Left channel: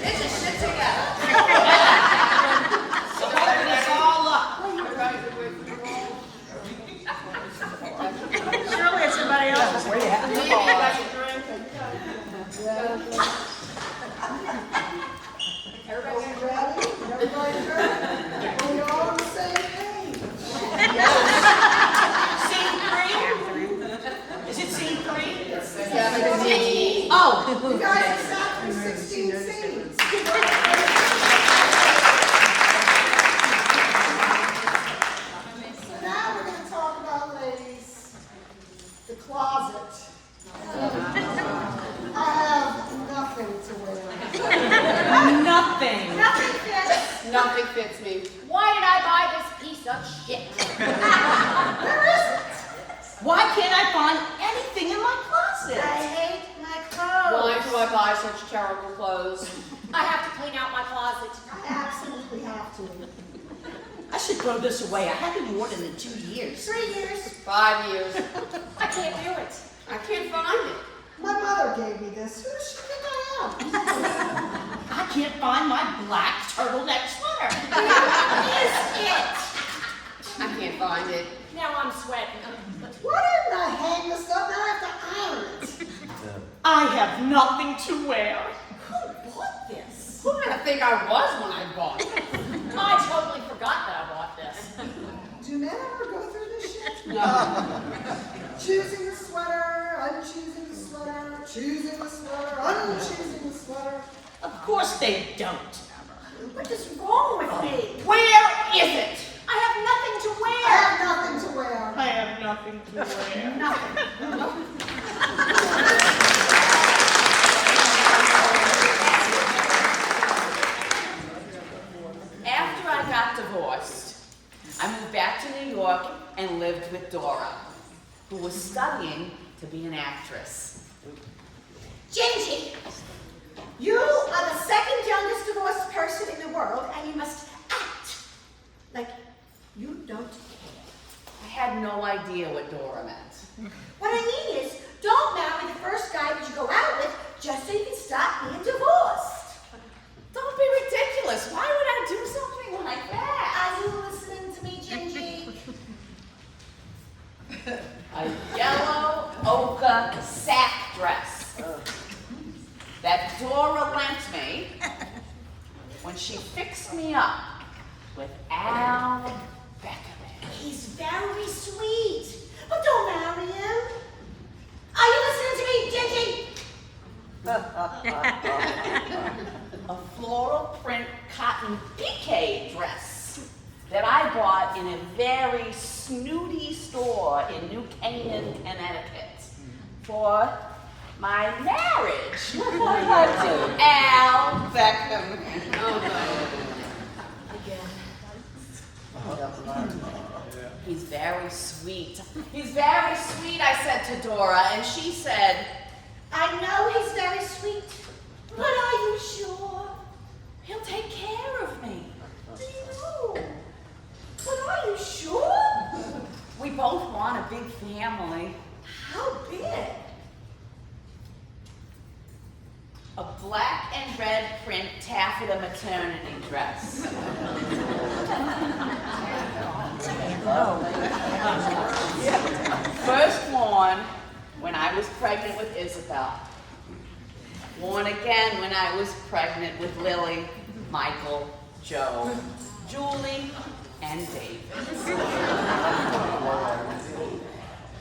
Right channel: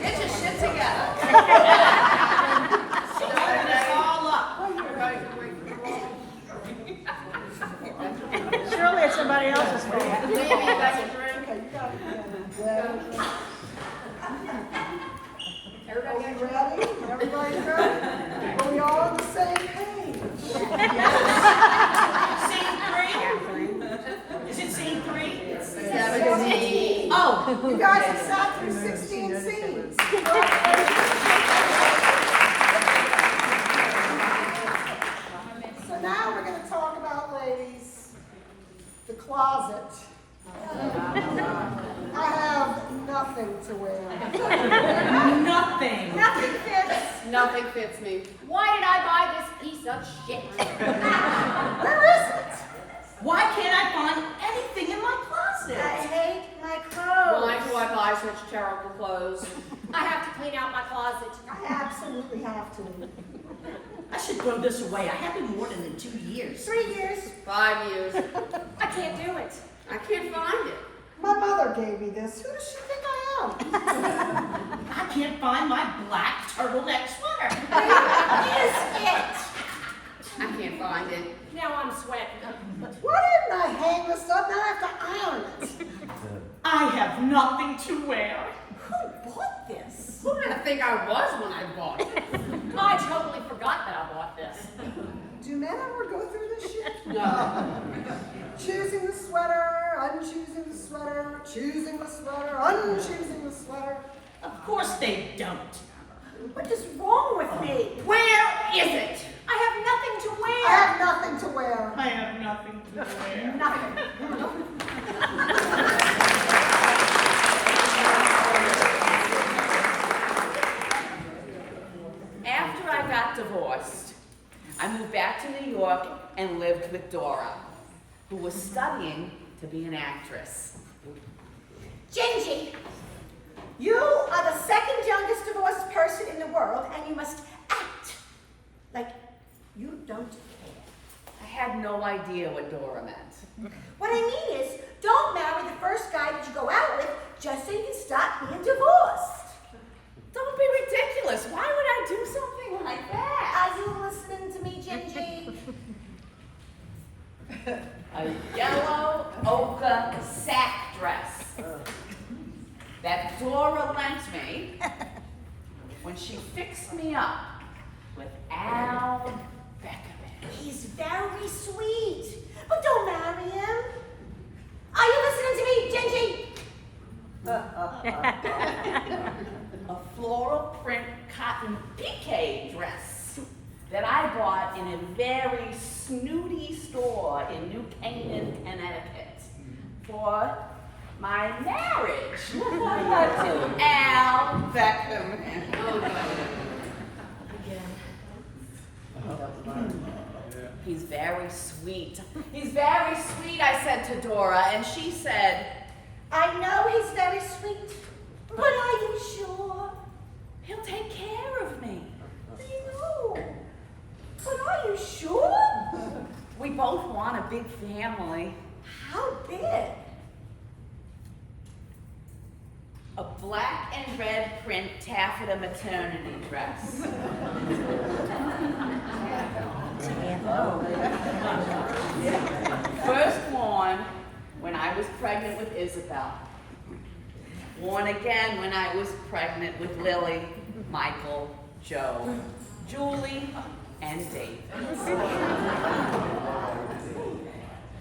Get your shit together. Open us all up. Surely it's somebody else's hand. Maybe you got your drink. Everybody got your Ready? Everybody ready? We all on the same page. Scene 3? Is it scene 3? Oh, you guys have sat through 16 scenes. So now we're going to talk about, ladies, the closet. I have nothing to wear. Nothing. Nothing fits. Nothing fits me. Why did I buy this piece of shit? Where is it? Why can't I find anything in my closet? I hate my clothes. Why do I buy such terrible clothes? I have to clean out my closet. I absolutely have to. I should throw this away. I haven't worn it in 2 years. 3 years. 5 years. I can't do it. I can't find it. My mother gave me this. Who does she think I am? I can't find my black turtleneck sweater. Where is it? I can't find it. Now I'm sweating. Why didn't I hang this up? Now I have to iron it. I have nothing to wear. Who bought this? Who did I think I was when I bought it? I totally forgot that I bought this. Do men ever go through this shit? No. Choosing the sweater, unchoosing the sweater, choosing the sweater, unchoosing the sweater. Of course they don't. What is wrong with me? Where is it? I have nothing to I wear. have nothing to wear. I have nothing to wear. Nothing. After I got divorced, I moved back to New York and lived with Dora, who was studying to be an actress. Gingy, you are the second youngest divorced person in the world, and you must act like you don't care. I had no idea what Dora meant. What I mean is, don't marry the first guy that you go out with just so you can stop being divorced. Don't be ridiculous. Why would I do something like that? Are you listening to me, Gingy? A yellow ochre sack dress that Dora lent me when she fixed me up with Al Beckerman. He's very sweet, but don't marry him. Are you listening to me, Gingy? A floral print cotton piqué dress that I bought in a very snooty store in New Canaan, Connecticut for my marriage to Al Beckham. He's very sweet. He's very sweet, I said to Dora, and she said, I know he's very sweet, but are you sure? he'll take care of me. I know. But are you sure? We both want a big family. How big? A black and red print taffeta maternity dress. First worn when I was pregnant with Isabel. Worn again when I was pregnant with Lily, Michael, Joe, Julie, and David.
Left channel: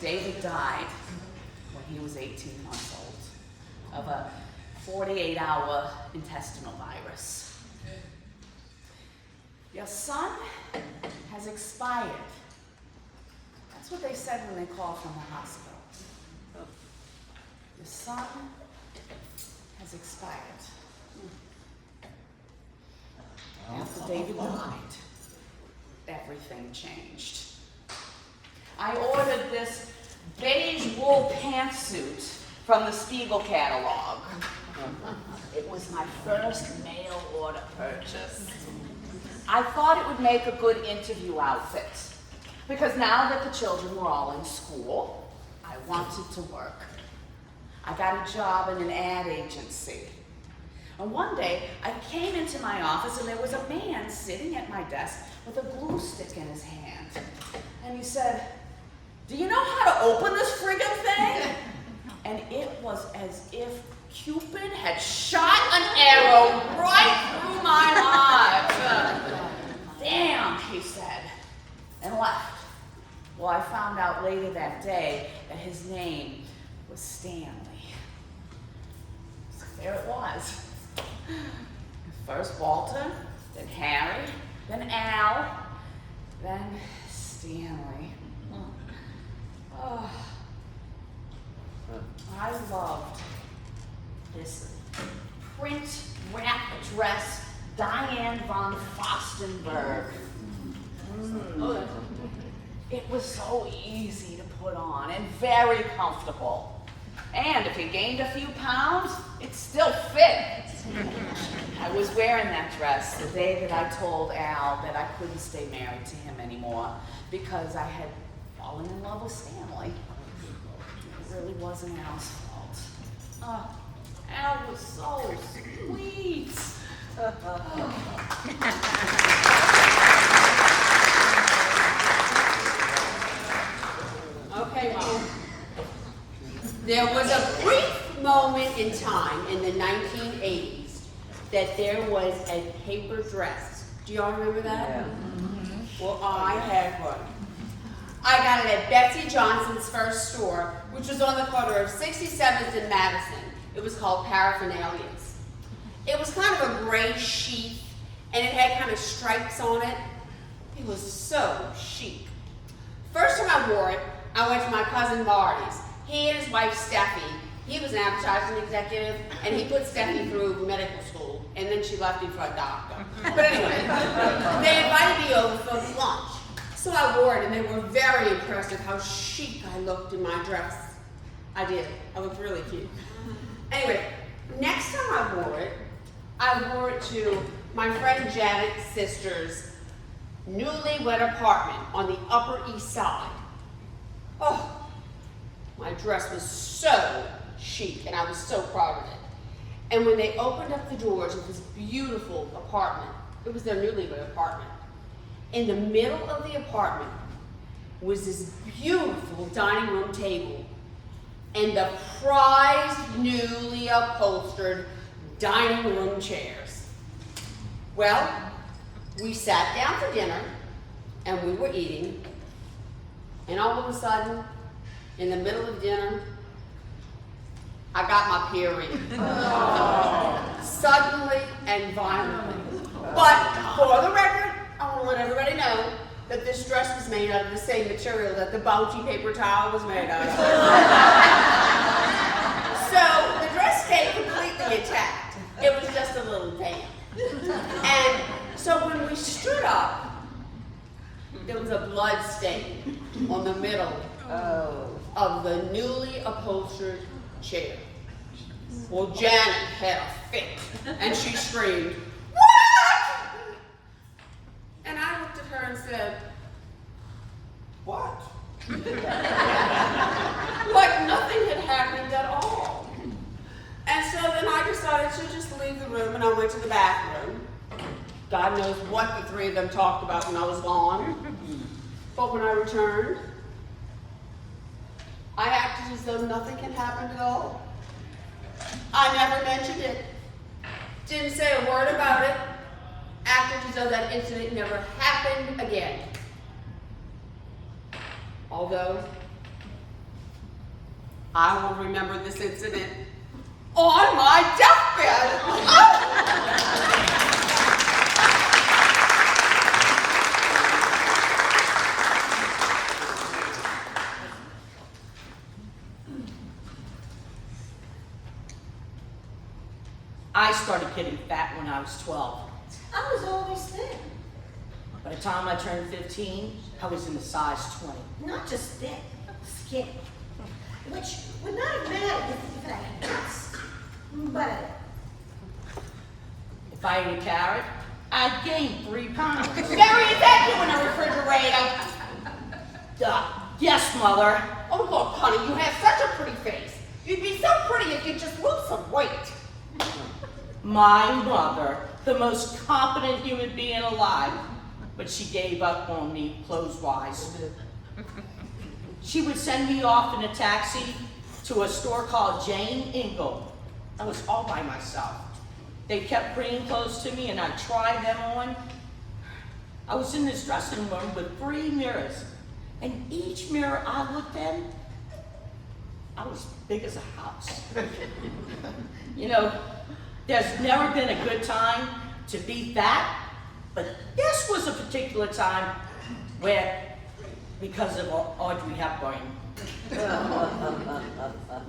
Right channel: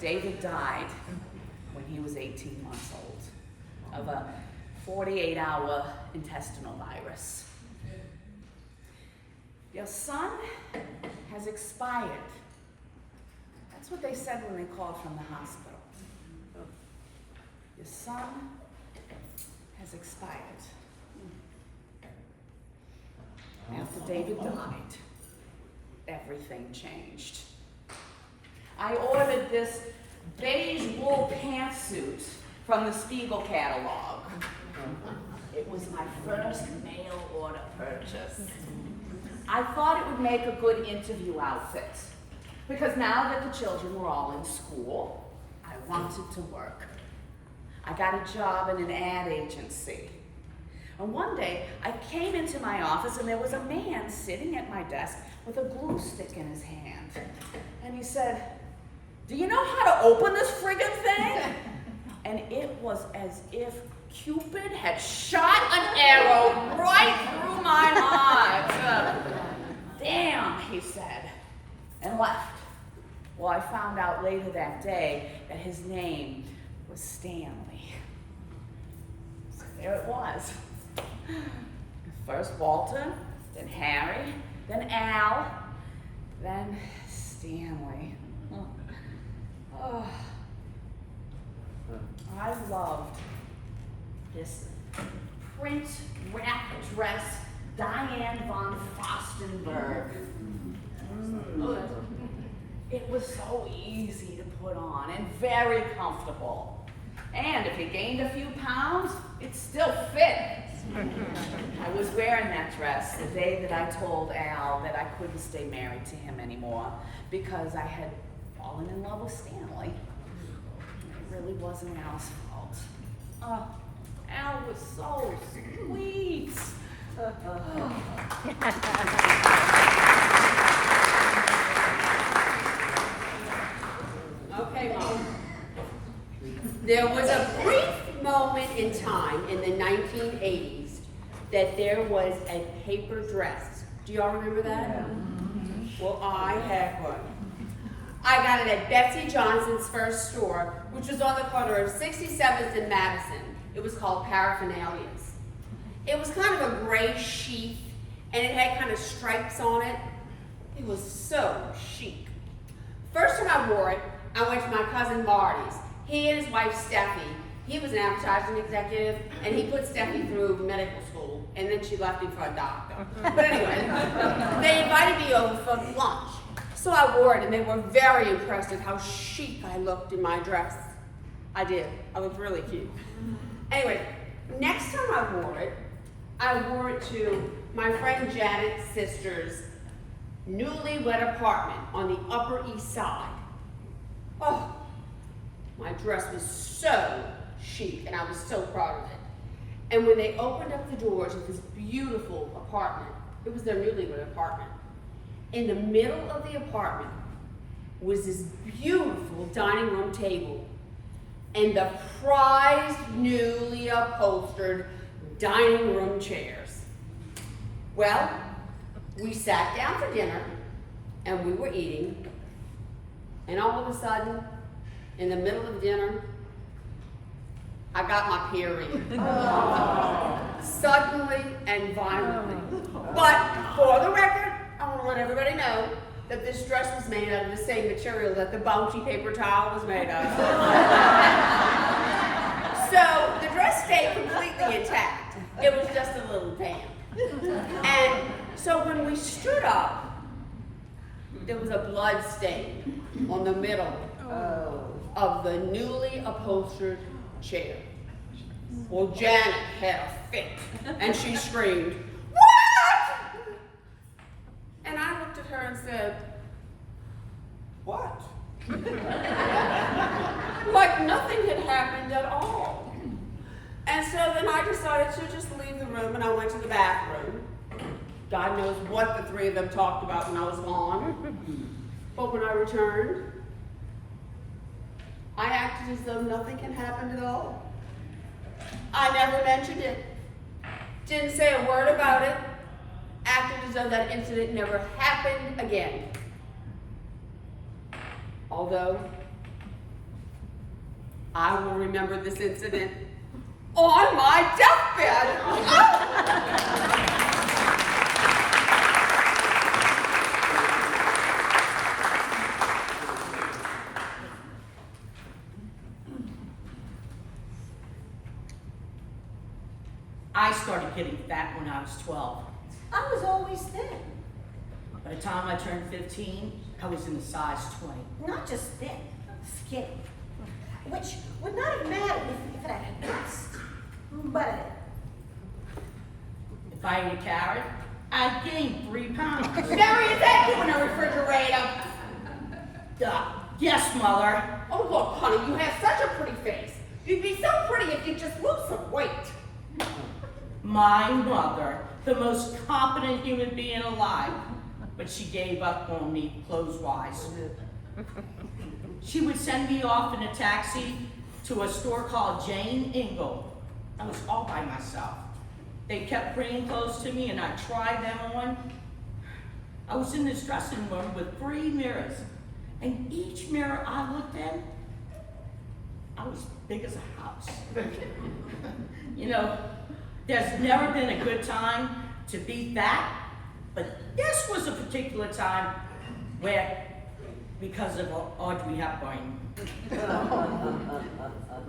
David died when he was 18 months old of a 48-hour intestinal virus. Your son has expired. That's what they said when they called from the hospital. Your son has expired. After David died, everything changed. I ordered this beige wool pantsuit from the Spiegel catalog. It was my first mail order purchase. I thought it would make a good interview outfit. Because now that the children were all in school, I wanted to work. I got a job in an ad agency. And one day, I came into my office and there was a man sitting at my desk with a glue stick in his hand. And he said, "Do you know how to open this friggin' thing?" And it was as if Cupid had shot an arrow right through my heart. "Damn," he said, and left. Well, I found out later that day that his name was Stanley. So there it was. First Walter, then Harry, then Al, then Stanley. Oh. I loved this print wrap dress, Diane von Furstenberg. It was so easy to put on and very comfortable. And if you gained a few pounds, it still fit. I was wearing that dress the day that I told Al that I couldn't stay married to him anymore because I had fallen in love with Stanley. It really wasn't Al's fault. Al was so sweet. Okay, Mom. There was a brief moment in time in the 1980s that there was a paper dress. Do y'all remember that? Yeah. Well, I had one. I got it at Betsy Johnson's first store, which was on the corner of 67th and Madison. It was called Paraphernalias. It was kind of a gray sheath, and it had kind of stripes on it. It was so chic. First time I wore it, I went to my cousin Marty's. He and his wife Steffi, he was an advertising executive, and he put Steffi through medical school, and then she left him for a doctor. But anyway, they invited me over for lunch. So I wore it, and they were very impressed at how chic I looked in my dress. I did. I looked really cute. Anyway, next time I wore it to my friend Janet's sister's newlywed apartment on the Upper East Side. Oh, my dress was so chic, and I was so proud of it. And when they opened up the doors of this beautiful apartment, it was their newlywed apartment, in the middle of the apartment was this beautiful dining room table and the prized, newly upholstered dining room chairs. Well, we sat down for dinner and we were eating, and all of a sudden, in the middle of dinner, I got my period. Suddenly and violently. But for the record, I want to let everybody know that this dress was made out of the same material that the Bounty paper towel was made out of. So the dress stayed completely intact. It was just a little damp. And so when we stood up, there was a blood stain on the middle of the newly upholstered chair. Well, Janet had a fit, and she screamed, "What?" And I looked at her and said, "What?" Like nothing had happened at all. And so then I decided to just leave the room, and I went to the bathroom. God knows what the three of them talked about when I was gone. But when I returned, I acted as though nothing had happened at all. I never mentioned it. Didn't say a word about it. Acted as though that incident never happened again. Although, I will remember this incident on my deathbed. I started getting fat when I was 12. I was always thin. By the time I turned 15, I was in a size 20. Not just thin, skinny. Which would not have mattered if it had guessed. But If I ate a carrot, I gained 3 pounds. Mary, is that you in the refrigerator? Yes, Mother. Oh, look, honey, you have such a pretty face. You'd be so pretty if you just lose some weight. My mother, the most competent human being alive, but she gave up on me clothes-wise. She would send me off in a taxi to a store called Jane Ingle. I was all by myself. They kept bringing clothes to me and I tried them on. I was in this dressing room with 3 mirrors, and each mirror I looked in, I was big as a house. You know, there's never been a good time to beat that, but this was a particular time where, because of Audrey Hepburn.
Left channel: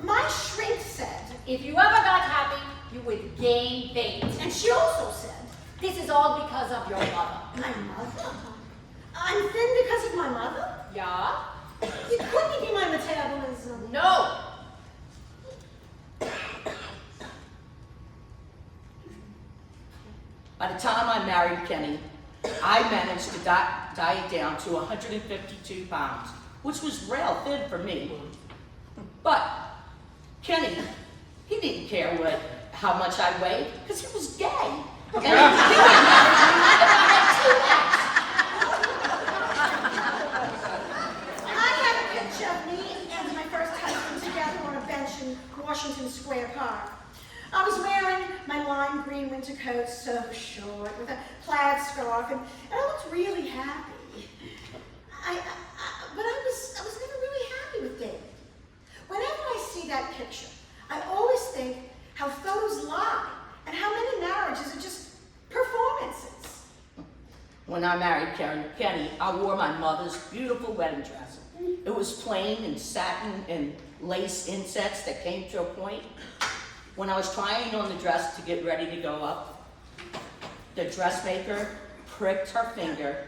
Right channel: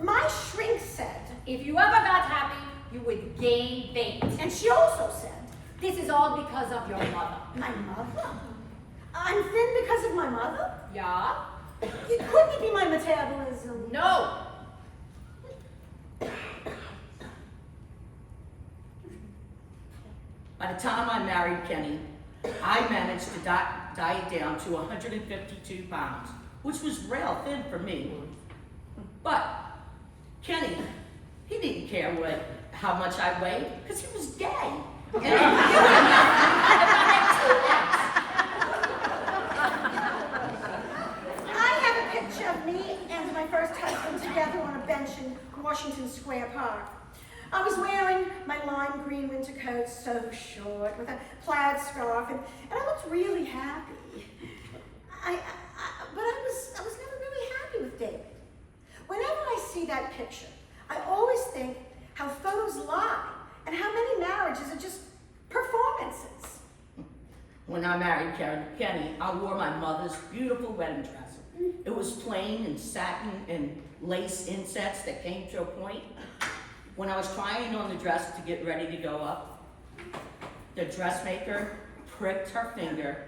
My shrink said, If you ever got happy, you would gain weight. and she also said, This is all because of your mother. my mother? I'm thin because of my mother? Yeah? It couldn't be my metabolism. No. By the time I married Kenny, I managed to diet down to 152 pounds, which was real thin for me. But Kenny, he didn't care how much I weighed, because he was gay. I have a picture of me and my first husband together on a bench in Washington Square Park. I was wearing my lime green winter coat, so short, with a plaid scarf, and I looked really happy. But I was never really happy with David. Whenever I see that picture, I always think how photos lie and how many marriages are just performances. When I married Kenny, I wore my mother's beautiful wedding dress. It was plain and satin and lace insets that came to a point. When I was trying on the dress to get ready to go up, the dressmaker pricked her finger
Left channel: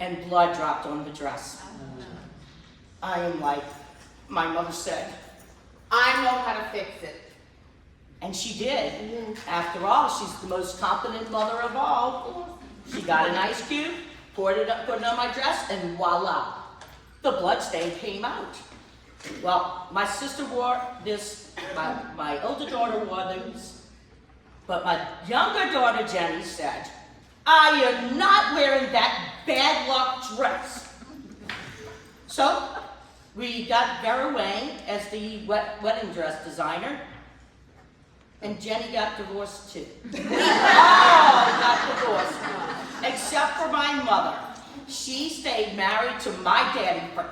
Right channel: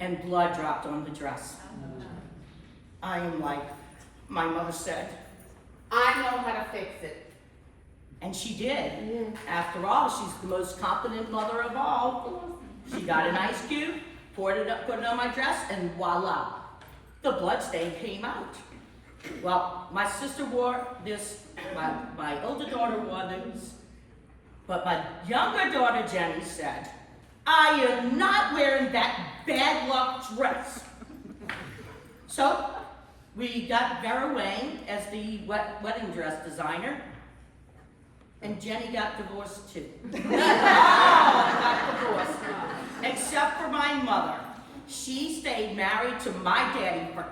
and blood dropped on the dress. I am like, my mother said, I know how to fix it. and she did. After all, she's the most competent mother of all. She got an ice cube, put it on my dress, and voila, the blood stain came out. Well, my sister wore this, my older daughter wore this, but my younger daughter Jenny said, I am not wearing that bad luck dress. So we got Vera Wang as the wedding dress designer, and Jenny got divorced too. All got divorced, except for my mother. She stayed married to my daddy for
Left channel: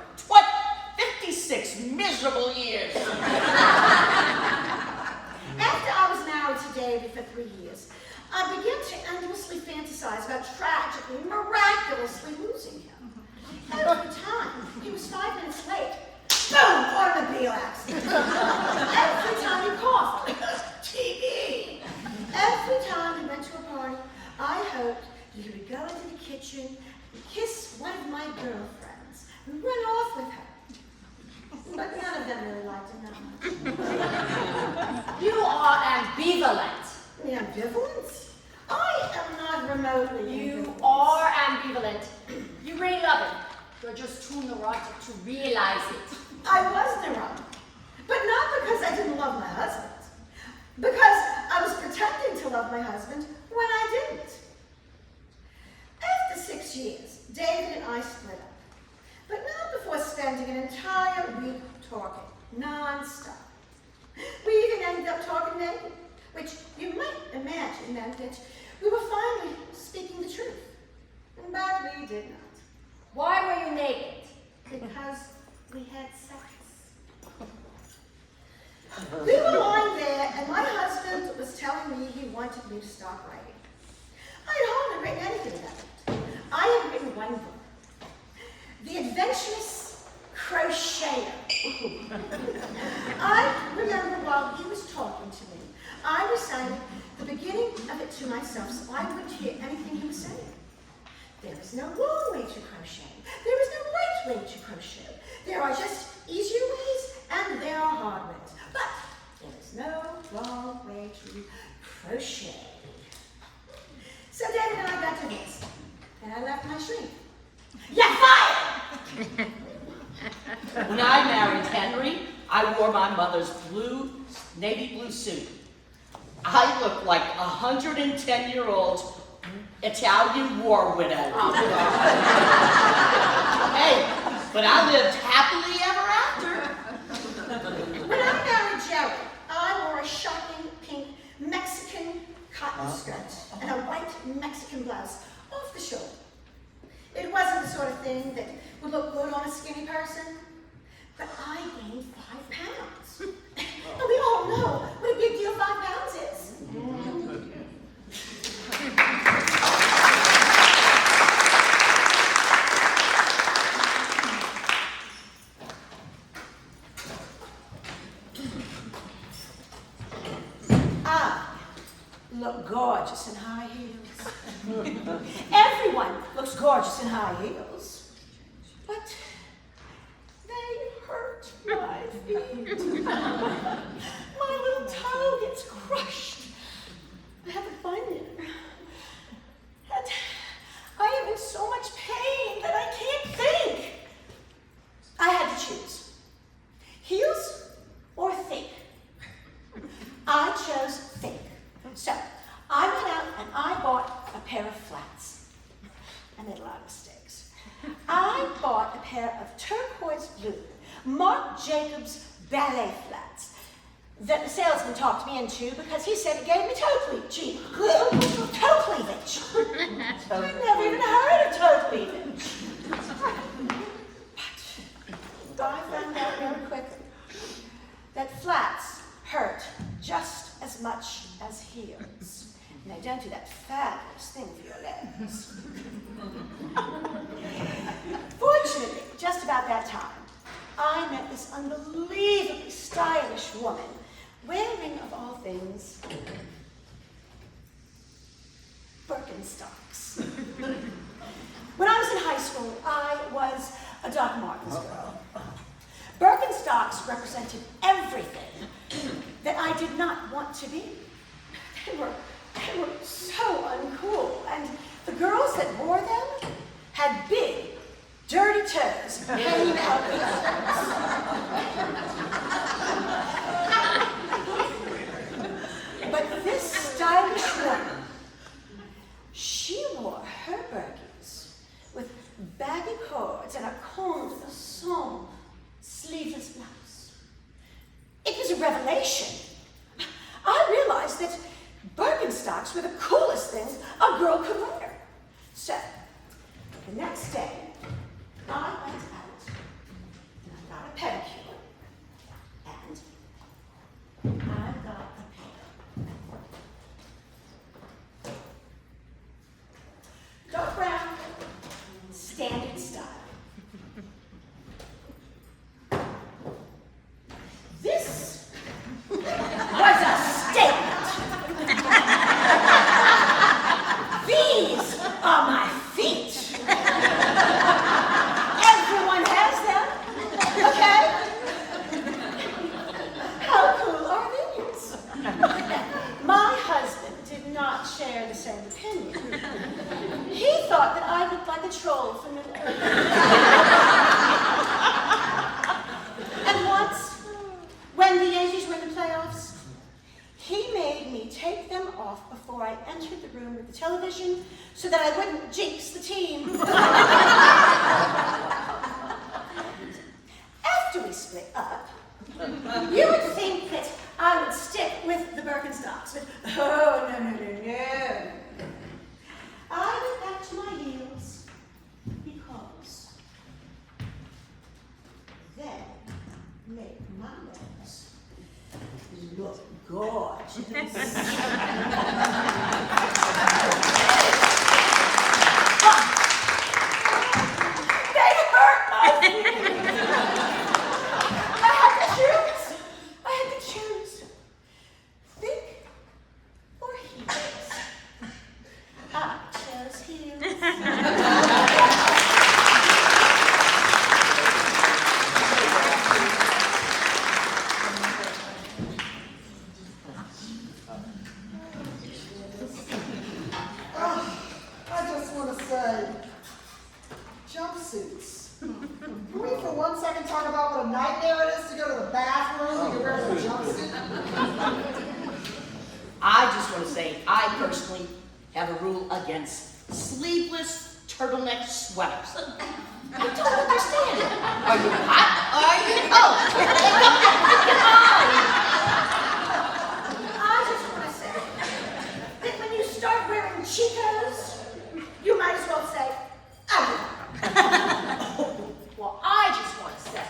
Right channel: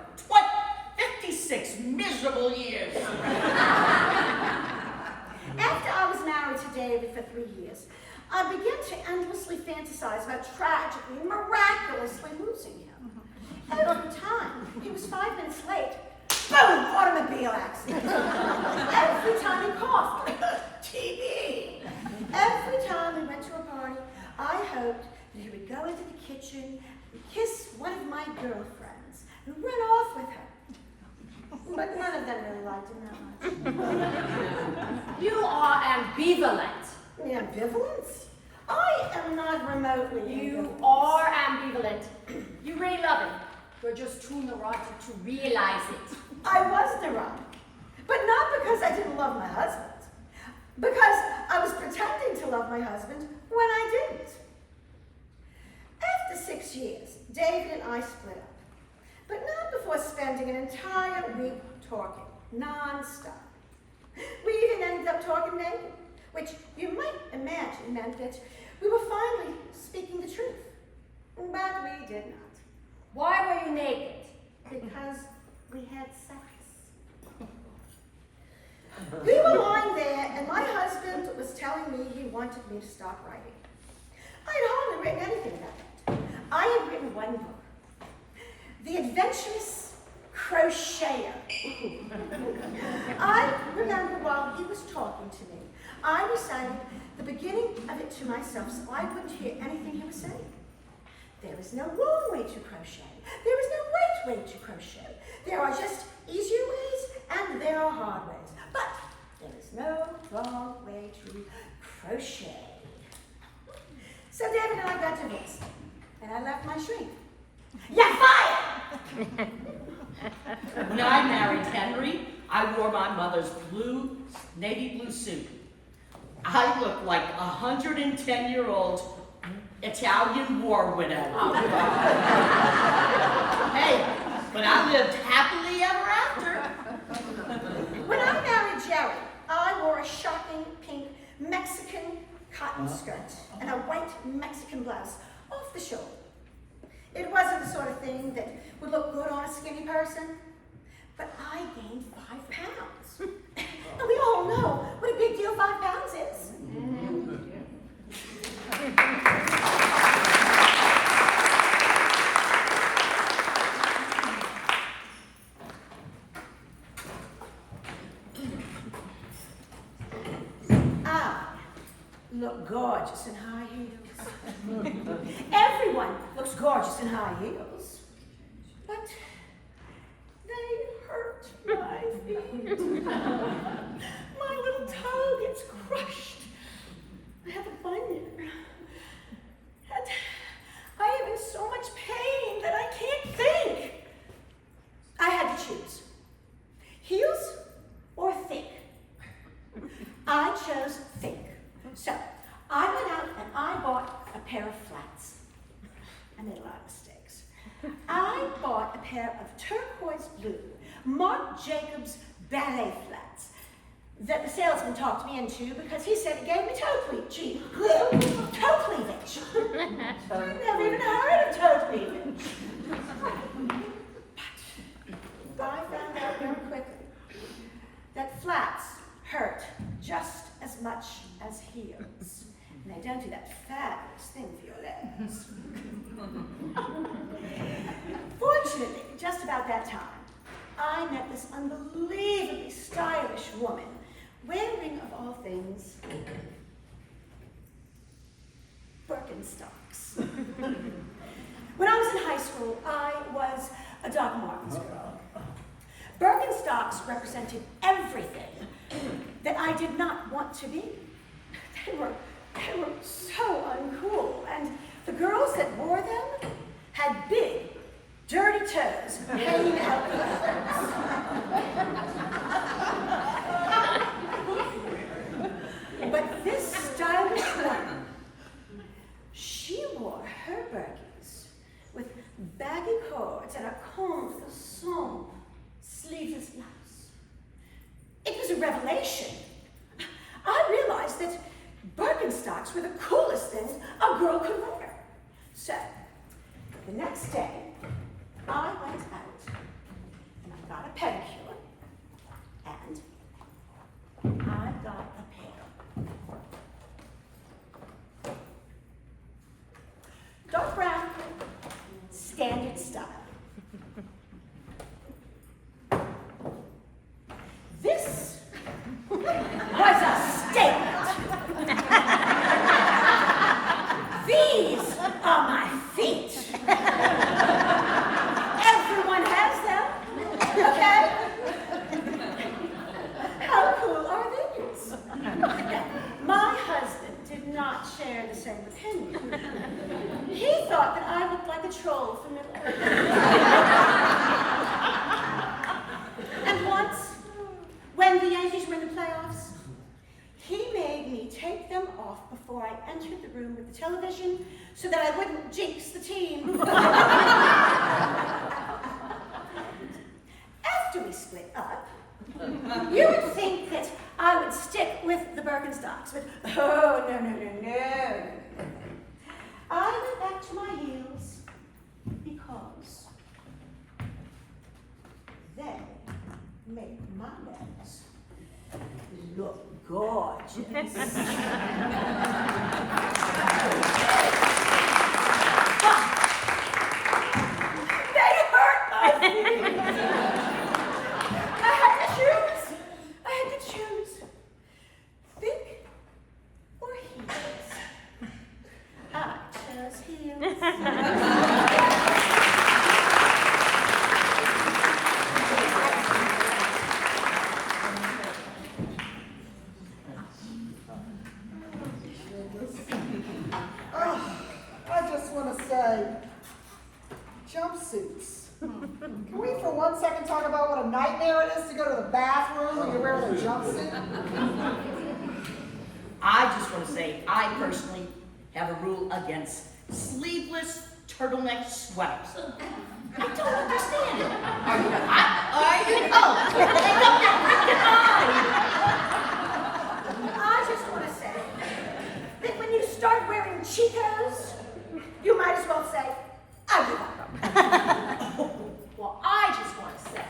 56 miserable years. After I was married to David for 3 years, I began to endlessly fantasize about tragically, miraculously losing him. Every time he was 5 minutes late, boom, automobile accident. Every time he coughed, TB. Every time we went to a party, I hoped that he would go into the kitchen and kiss one of my girlfriends and run off with her. But none of them really liked him that much. You are ambivalent. The ambivalence? I am not remotely You ambivalent. are ambivalent. You really love him. You're just too neurotic to realize it. I was neurotic, but not because I didn't love my husband. Because I was pretending to love my husband when I didn't. After 6 years, David and I split up. But not before spending an entire week talking, non-stop. We even ended up talking naked, which you might imagine meant that we were finally speaking the truth. But we did not. Why were you naked? Because we had sex. We were lying there, and my husband was telling me he wanted me to stop writing. I had hardly written anything about that. I had written one book, The Adventurous Crocheter. I remember while he was talking to me, I recited the beginning of it to myself so I wouldn't hear anything he was saying. There is no wrong way to crochet. There is no right way to crochet. There are just easier ways and there are hard ways. But there is no wrong way to crochet. So David and I got divorced, and I left my shrink. You're fired! When I married Henry, I wore my mother's navy blue suit. I looked like a 110-year-old Italian war widow. Oh, God. Hey, but I lived happily ever after. When I married Jerry, I wore a shocking pink Mexican cotton skirt and a white Mexican blouse off the shoulder. It wasn't the sort of thing that would look good on a skinny person, but I gained 5 pounds. And we all know what a big deal 5 pounds is. Look gorgeous in high heels. Everyone looks gorgeous in high heels, but they hurt my feet. My little toe gets crushed. I have a bunion. And I am in so much pain that I can't think. I had to choose. Heels or think? I chose think. So, I went out and I bought a pair of flats. I made a lot of mistakes. I bought a pair of turquoise blue Marc Jacobs ballet flats that the salesman talked me into because he said it gave me toe cleavage. Toe cleavage. I've never even heard of toe cleavage. But I found out very quickly that flats hurt just as much as heels. And they don't do that fabulous thing for your legs. Fortunately, just about that time, I met this unbelievably stylish woman wearing, of all things, Birkenstocks. When I was in high school, I was a Doc Martens girl. Birkenstocks represented everything that I did not want to be. They were so uncool, and the girls that wore them had big, dirty toes hanging out the legs. But this stylish woman, she wore her Birkins with baggy cords and a comme façon sleeveless blouse. It was a revelation. I realized that Birkenstocks were the coolest things a girl could wear. So, the next day, I went out and I got a pedicure and I got a pair. Dark brown, standard style. This was a statement. These are my feet. Everyone has them, okay? How cool are these? My husband did not share the same opinion. He thought that I looked like a troll from Middle Earth. And once, when the Yankees were in the playoffs, he made me take them off before I entered the room with the television so that I wouldn't jinx the team. After we split up, you would think that I would stick with the Birkenstocks, but oh, no. I went back to my heels because they make my legs look gorgeous. But they hurt my feet. I had to choose. Think or heels. I chose heels. nightmare it is to go to the bathroom and you're wearing a jumpsuit? I just want to say, I personally have a rule against sleeveless turtleneck sweaters. I don't understand it. Are you hot? Are you cold? I just want to say that when you start wearing Chico's, you might as well say, I give up. Well, I just want to say,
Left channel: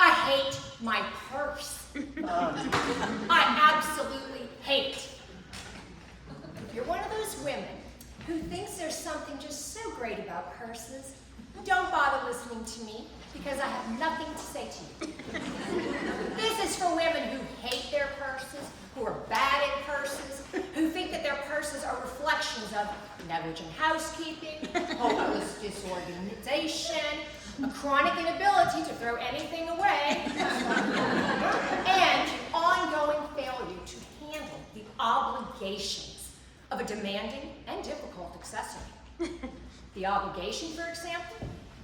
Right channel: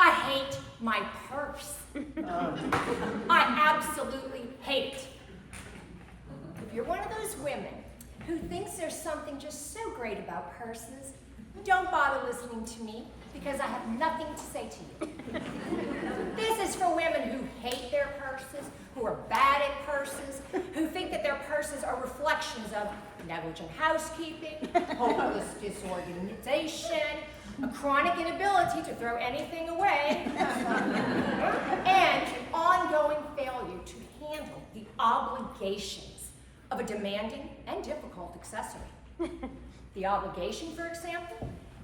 I hate my purse. I absolutely hate it. If you're one of those women who thinks there's something just so great about purses, don't bother listening to me because I have nothing to say to you. This is for women who hate their purses, who are bad at purses, who think that their purses are reflections of negligent housekeeping, hopeless disorganization, a chronic inability to throw anything away, and an ongoing failure to handle the obligations of a demanding and difficult accessory. The obligation, for example,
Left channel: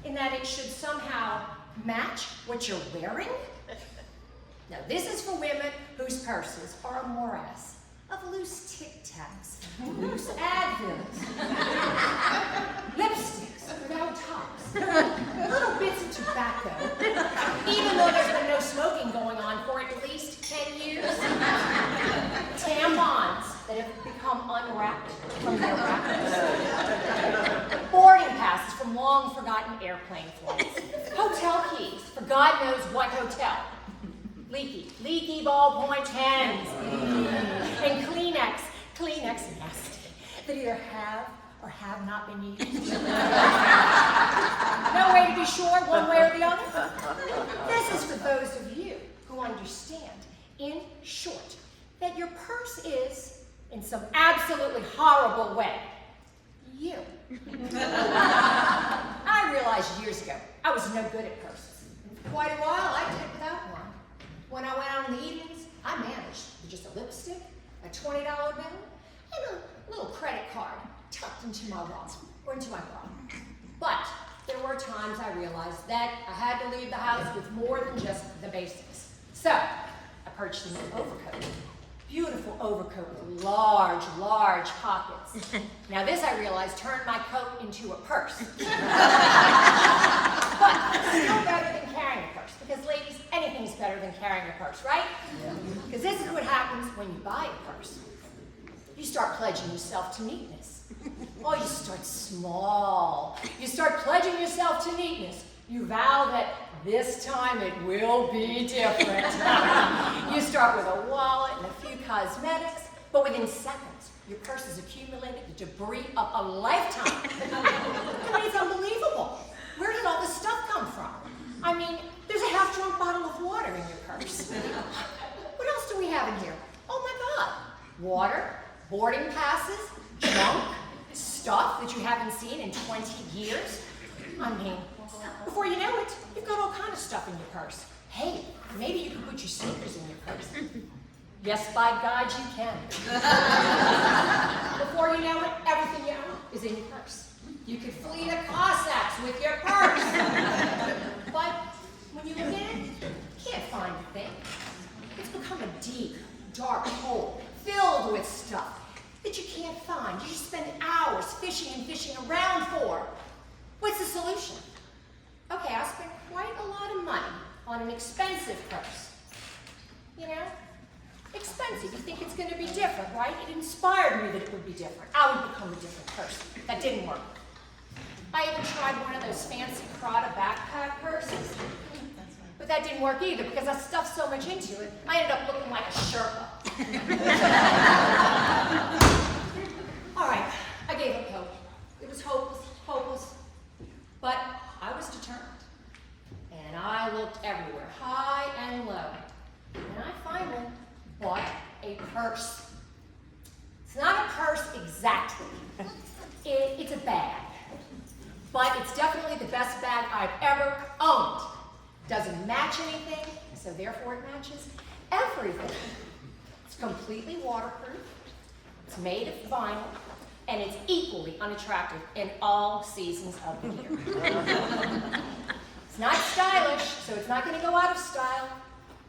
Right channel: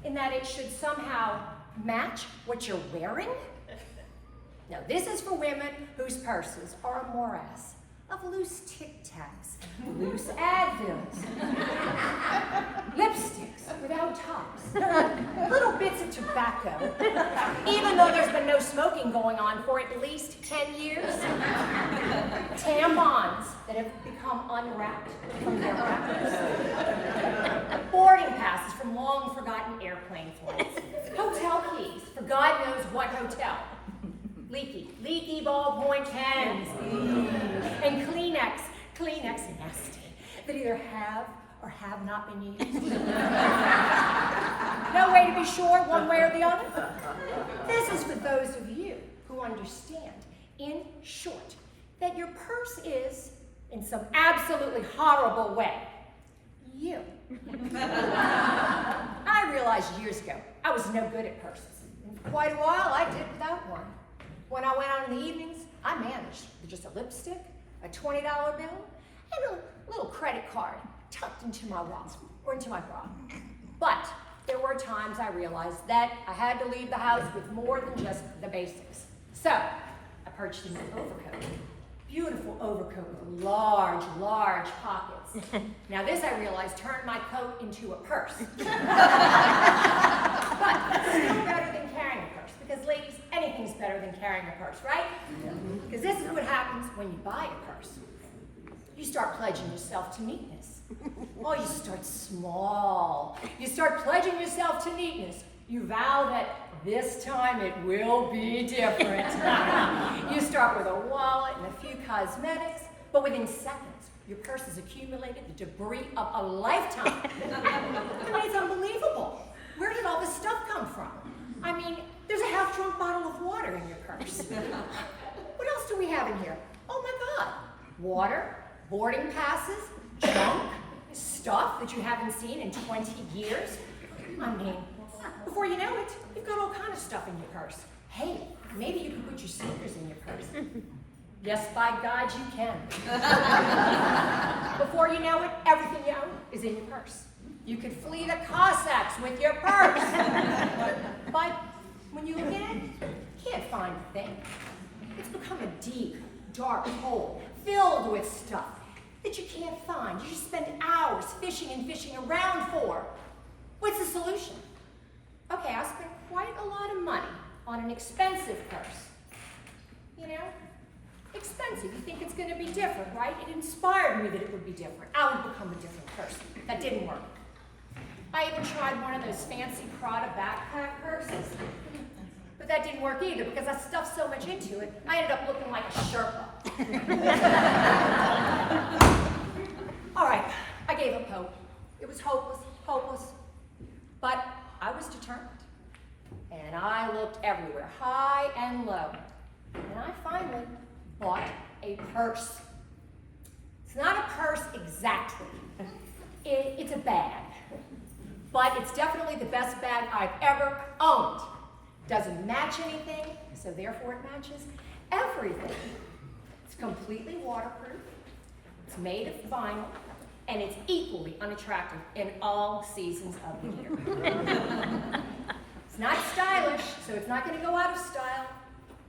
in that it should somehow match what you're wearing. Now, this is for women whose purses are a morass of loose Tic Tacs, loose Advils, lipsticks without tops, little bits of tobacco, even though there's been no smoking going on for at least 10 years, tampons that have become unwrapped from their wrappers, boarding passes from long forgotten airplane flights, hotel keys for God knows what hotel, leaky ballpoint pens, and Kleenex nasty, that either have or have not been used. No way to be sure one way or the other. This is for those of you who understand, in short, that your purse is, in some absolutely horrible way, you. I realized years ago I was no good at purses. And for quite a while I did without one. When I went out in the evenings, I managed with just a lipstick, a $20 bill, and a little credit card tucked into my wallet or into my bra. But there were times I realized that I had to leave the house with more than just the basics. So I purchased an overcoat. Beautiful overcoat with large pockets. Now this, I realized, turned my coat into a purse. But still better than carrying a purse, because ladies, anything's better than carrying a purse, right? Because this is what happens when you buy a purse. You start pledging yourself to neatness. Oh, you start small. You start pledging yourself to neatness. You vow that this time it will be different. You start with a wallet and a few cosmetics, but within seconds, your purse has accumulated the debris of a lifetime. I mean, it's unbelievable. Where did all this stuff come from? I mean, there's a half-drunk bottle of water in your purse. What else do we have in here? Oh my God. Water, boarding passes, junk, stuff that you haven't seen in 20 years. I mean, before you know it, you've got all kind of stuff in your purse. Hey, maybe you can put your sneakers in your purse. Yes, by God, you can. Before you know it, everything you own is in your purse. You could flee the Cossacks with your purse. But when you look in it, you can't find a thing. It's become a deep, dark hole filled with stuff that you can't find. You just spend hours fishing and fishing around for. What's the solution? Okay, I spent quite a lot of money on an expensive purse. You know, expensive. You think it's going to be different, right? It inspired me that it would be different. I would become a different person. That didn't work. I even tried one of those fancy Prada backpack purses. But that didn't work either because I stuffed so much into it, I ended up looking like a Sherpa. All right, I gave up hope. It was hopeless. But I was determined. And I looked everywhere, high and low. And I finally bought a purse. It's not a purse exactly. It's a bag. But it's definitely the best bag I've ever owned. Doesn't match anything, so therefore it matches everything. It's completely waterproof. It's made of vinyl, and it's equally unattractive in all seasons of the year. It's not stylish, so it's not going to go out of style.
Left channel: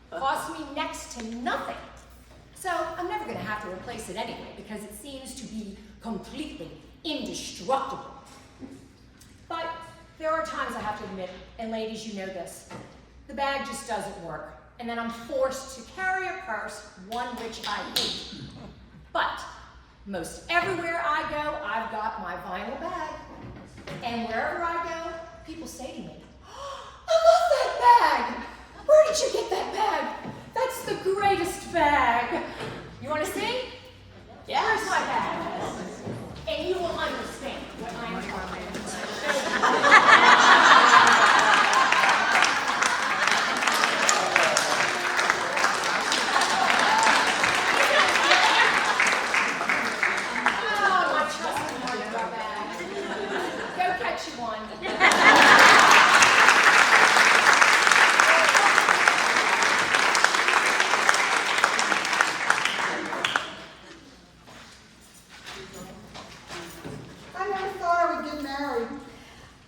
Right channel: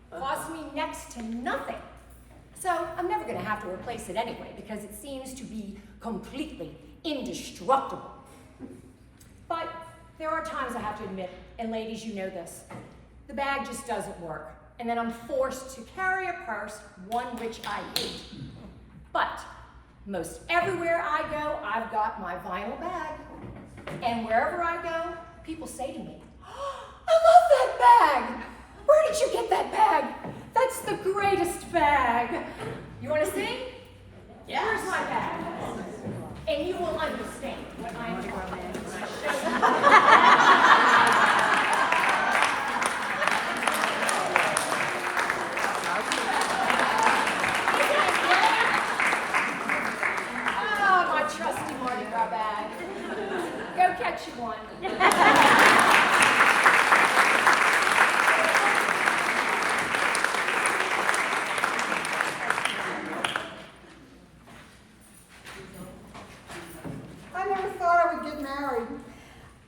Costs me next to nothing. So I'm never going to have to replace it anyway, because it seems to be completely indestructible. But there are times I have to admit, and ladies, you know this, the bag just doesn't work, and then I'm forced to carry a purse, one which I hate. But most everywhere I go, I've got my vinyl bag. And wherever I go, people say to me, I love that bag! Where did you get that bag? That's the greatest bag. You want to see? Yes. Where's my bag? And you will understand what I am talking about. Oh, my trusty Mardi Gras bag. Go catch you one. I never thought I would get married.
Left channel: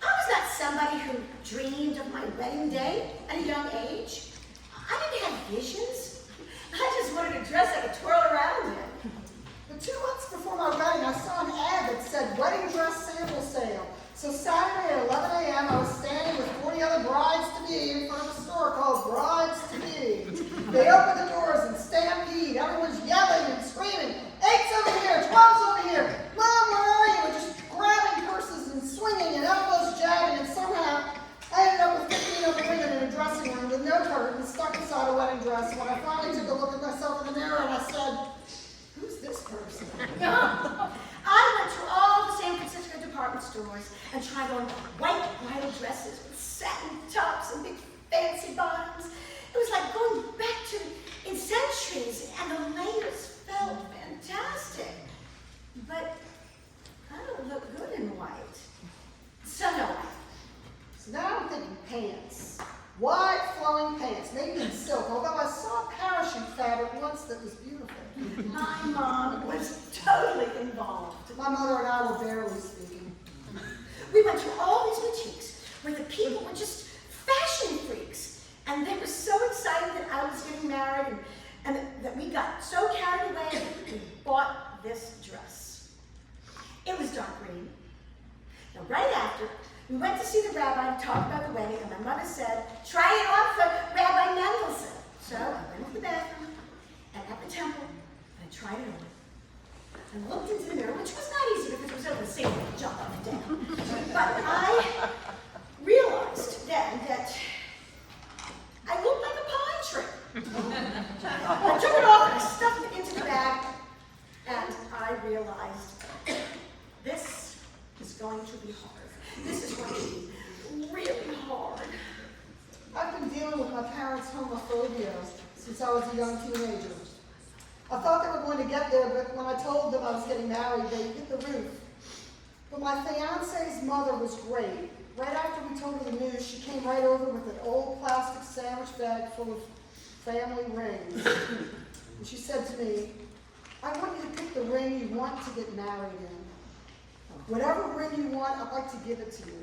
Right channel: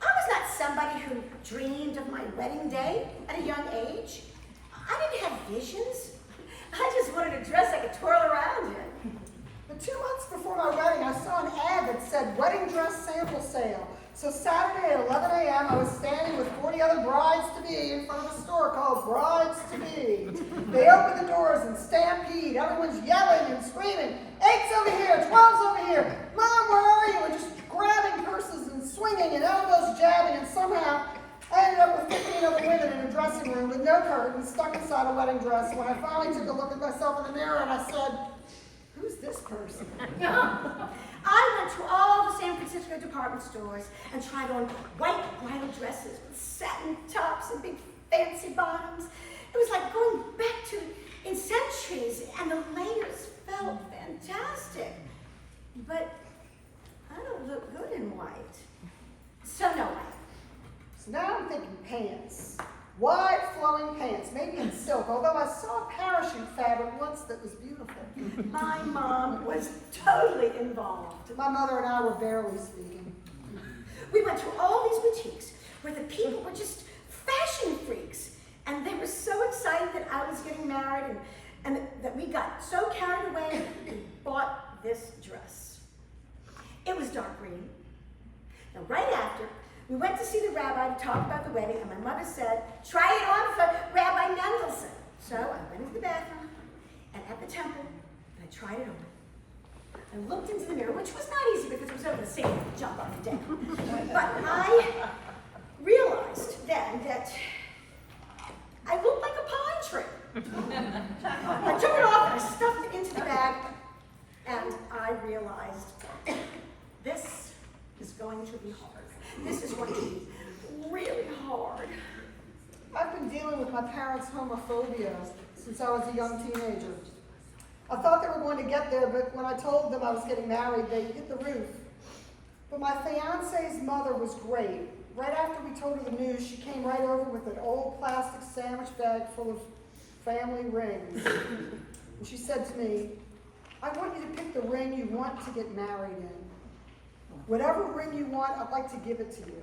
I was not somebody who dreamed of my wedding day at a young age. I didn't have visions. I just wanted a dress I could twirl around in. But 2 months before my wedding, I saw an ad that said wedding dress sample sale. So Saturday at 11 a.m., I was standing with 40 other brides-to-be in front of a store called Brides-to-Be. They opened the doors and stampede. Everyone's yelling and screaming, 8's over here, 12's over here. Mom, where are you? And just grabbing purses and swinging and elbows jabbing. And somehow, I ended up with 15 other women in a dressing room with no curtains, stuck inside a wedding dress. When I finally took a look at myself in the mirror and I said, who's this person? I went to all the San Francisco department stores and tried on white bridal dresses with satin tops and big fancy bottoms. It was like going back to in centuries, and the layers felt fantastic. But I don't look good in white. So no. So now I'm thinking pants. Wide flowing pants, maybe in silk, although I saw parachute fabric once that was beautiful. My mom was totally involved. My mother and I were barely speaking. We went to all these boutiques where the people were just fashion freaks. And they were so excited that I was getting married and that we got so carried away, we bought this dress. It was dark green. Now, right after, we went to see the rabbi to talk about the wedding, and my mother said, try it on for Rabbi Mendelsohn. So I went to the bathroom, and at the temple, and I tried it on. I looked into the mirror, which was not easy because it was over the sink to jump up and down. But I realized then that I looked like a pine tree. I took it off and I stuffed it into the bag, and I realized this is going to be hard. This is going to be really hard. I've been dealing with my parents' homophobia since I was a young teenager. I thought they were going to get there, but when I told them I was getting married, they hit the roof. But my fiance's mother was great. Right after we told her the news, she came right over with an old plastic sandwich bag full of family rings. And she said to me, I want you to pick the ring you want to get married in. Whatever ring you want, I'd like to give it to you.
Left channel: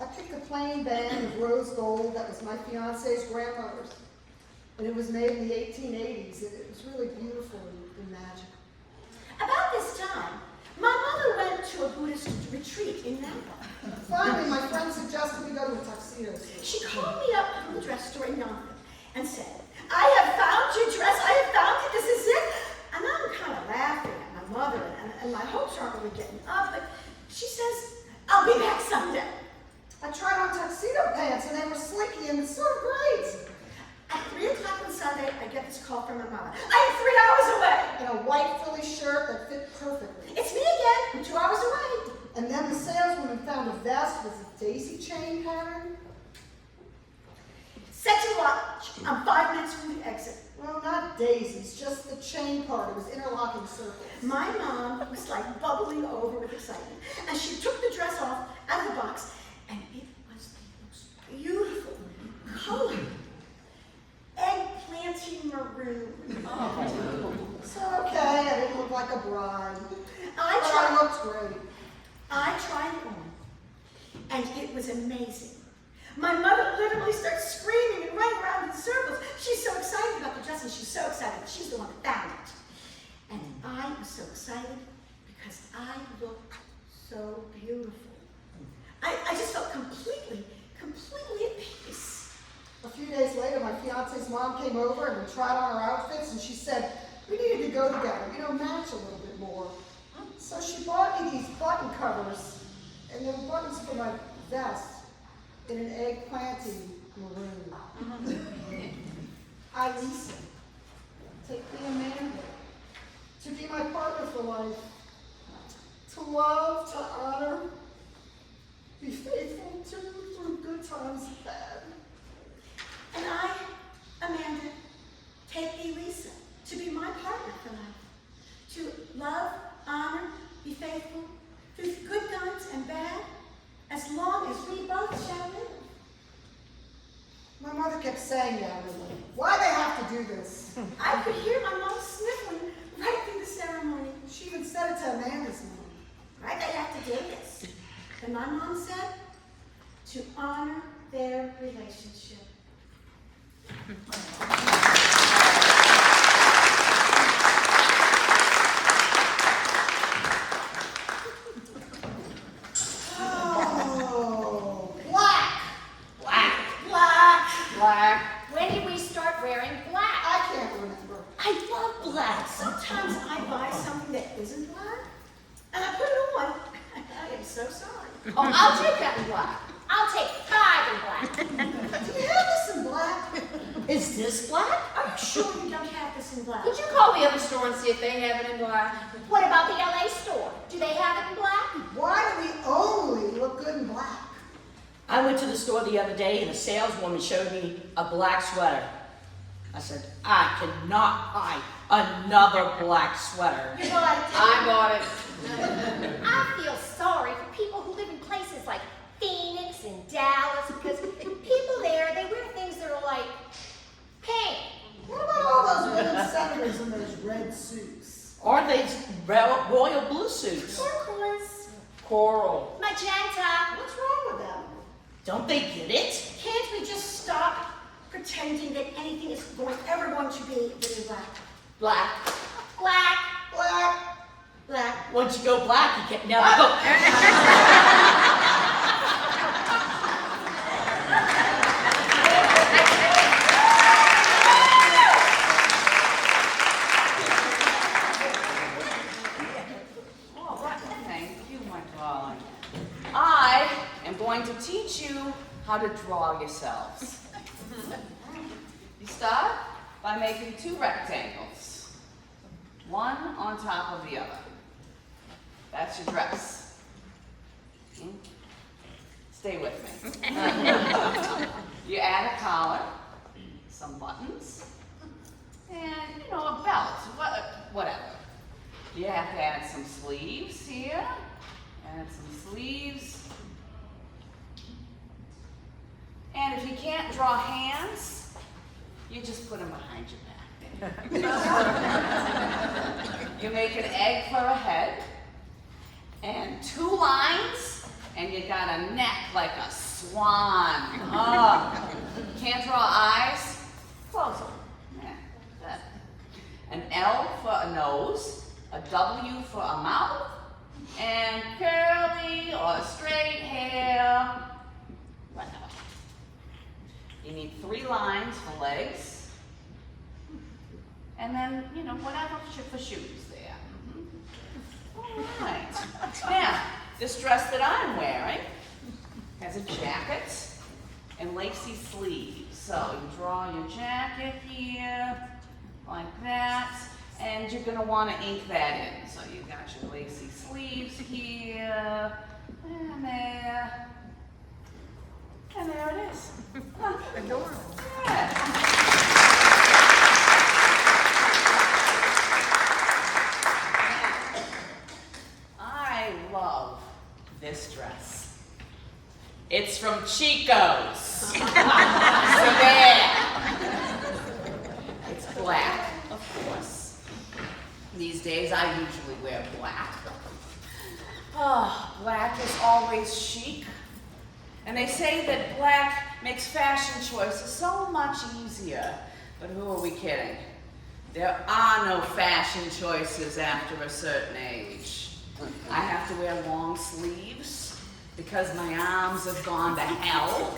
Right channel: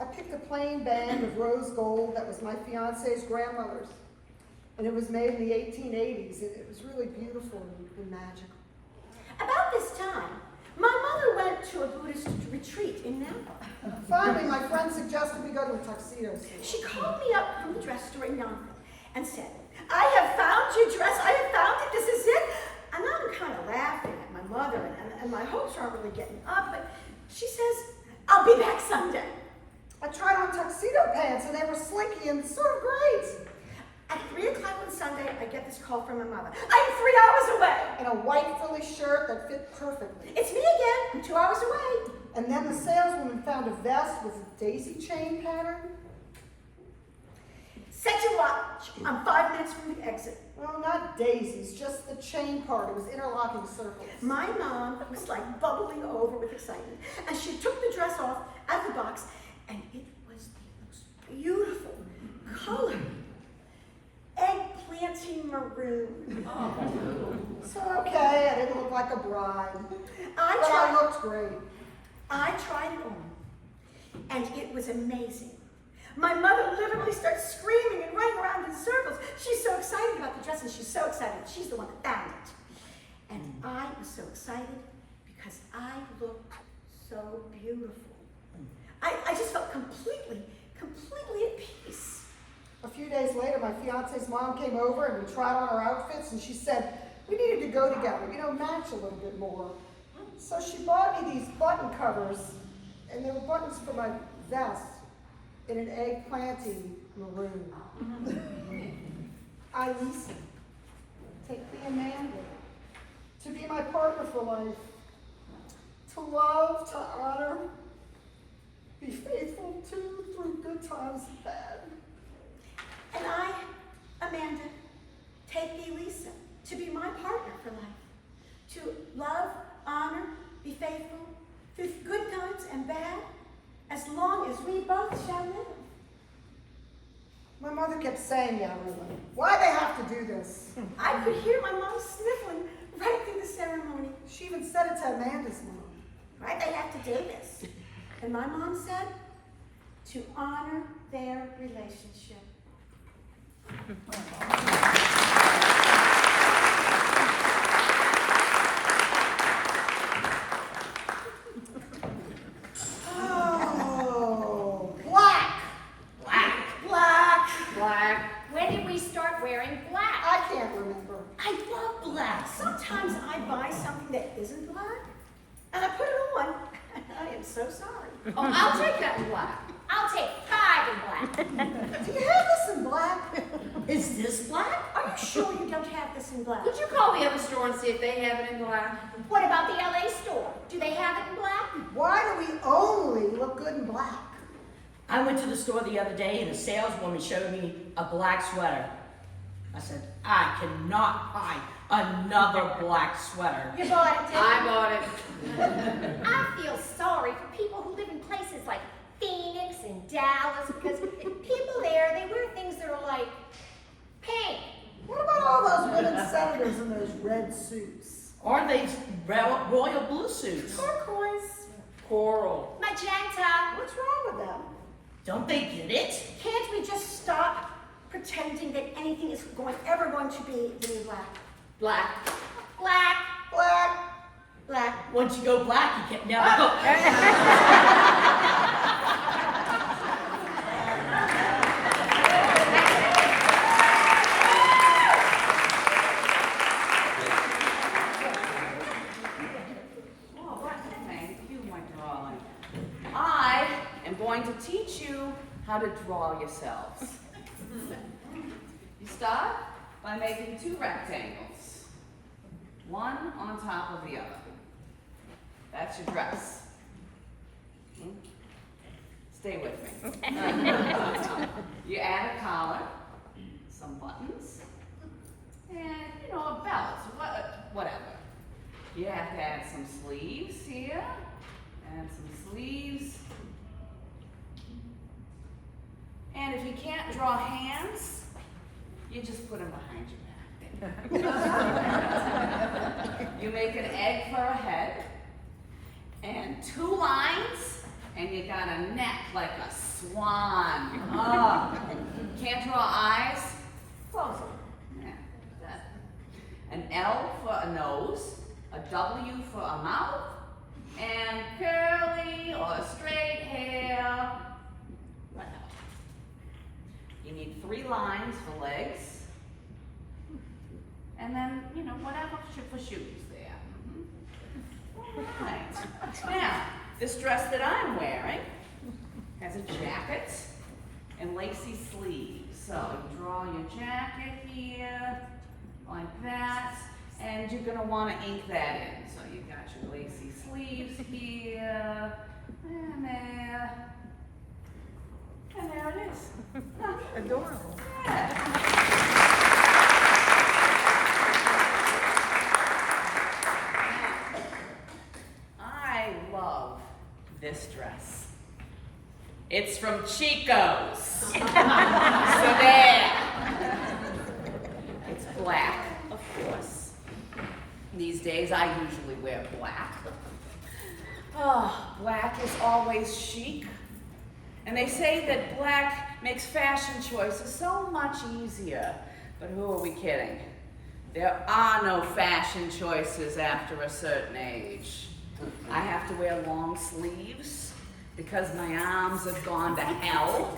I picked a plain band of rose gold that was my fiance's grandmother's. And it was made in the 1880s. It was really beautiful and magical. About this time, my mother went to a Buddhist retreat in Napa. Finally, my friend suggested we go to a tuxedo store. She called me up from the dress store in Yonkers and said, I have found your dress, I have found it, this is it. And I'm kind of laughing at my mother, and my hopes aren't really getting up, but she says, I'll be back someday. I tried on tuxedo pants, and they were slinky and sort of great. At 3 o'clock on Sunday, I get this call from my mother. I am 3 hours away. In a white frilly shirt that fit perfectly. It's me again. I'm 2 hours away. And then the saleswoman found a vest with a daisy chain pattern. Set your watch. I'm 5 minutes from the exit. Well, not daisies, just the chain part. It was interlocking circles. My mom was like bubbling over with excitement, and she took the dress off out of the box, and it was the most beautiful color. Eggplanty maroon. So, okay, I didn't look like like a bride. I But tried. I looked great. I tried it on, and it was amazing. My mother literally starts screaming and running around in circles. She's so excited about the dress, and she's so excited that she's the one that found it. And I was so excited because I looked so beautiful. I just felt completely at peace. A few days later, my fiance's mom came over and we tried on our outfits, and she said we needed to go together, match a little bit more. So she bought me these button covers, and they were buttons for my vest in an eggplanty maroon. I, Lisa, take the Amanda to be my partner for life, to love, to honor, be faithful to through good times and bad. And I, Amanda, take thee, Lisa, to be my partner for life, to love, honor, be faithful through good times and bad, as long as we both shall live. My mother kept saying that, really. Why they have to do this? I could hear my mom sniffling right through the ceremony. She even said it to Amanda's mom. Right, they have to do this. And my mom said, to honor their relationship. Oh, black! Black. Black. When did we start wearing black? I can't remember. I love black. Sometimes I buy something that isn't black, and I put it on. I am so sorry. Oh, I'll take that in black. I'll take 5 in black. Do you have this in black? Is this black? Are you sure you don't have this in black? Would you call the other store and see if they have it in black? What about the LA store? Do they have it in black? Why do we only look good in black? I went to the store the other day and a saleswoman showed me a black sweater. I said, I cannot buy another black sweater. You bought it, I bought it. I feel sorry for people who live in places like Phoenix and Dallas because people there, they wear things that are like pink. What about all those women senators in those red suits? Or these royal blue suits. turquoise. Coral. Magenta. What's wrong with them? Don't they get it? Can't we just stop pretending that anything is ever going to be really black? Black. Black. Black. Black. Once you go black, you can never go. Thank you, my darling. I am going to teach you how to draw yourselves. You start by making 2 rectangles, one on top of the other. That's your dress. Stay with me. You add a collar, some buttons, and a belt, whatever. You have to add some sleeves here, add some sleeves. And if you can't draw hands, you just put them behind your back. You make an egg for a head, and 2 lines, and you got a neck like a swan. Oh. Can't draw eyes? Close them. An L for a nose, a W for a mouth, and curly or straight hair, whatever. You need 3 lines for legs, and then, whatever for shoes there. All right. Now, this dress that I'm wearing has a jacket and lacy sleeves. So you draw your jacket here, like that, and you're gonna wanna ink that in. So you got your lacy sleeves here, and there it is. Adorable. Yeah. I love this dress. It's from Chico's. So there. It's black, of course. These days I usually wear black. Oh, black is always chic. And they say that black makes fashion choices so much easier. But who are we kidding? There are no fashion choices after a certain age. I have to wear long sleeves because my arms have gone to hell.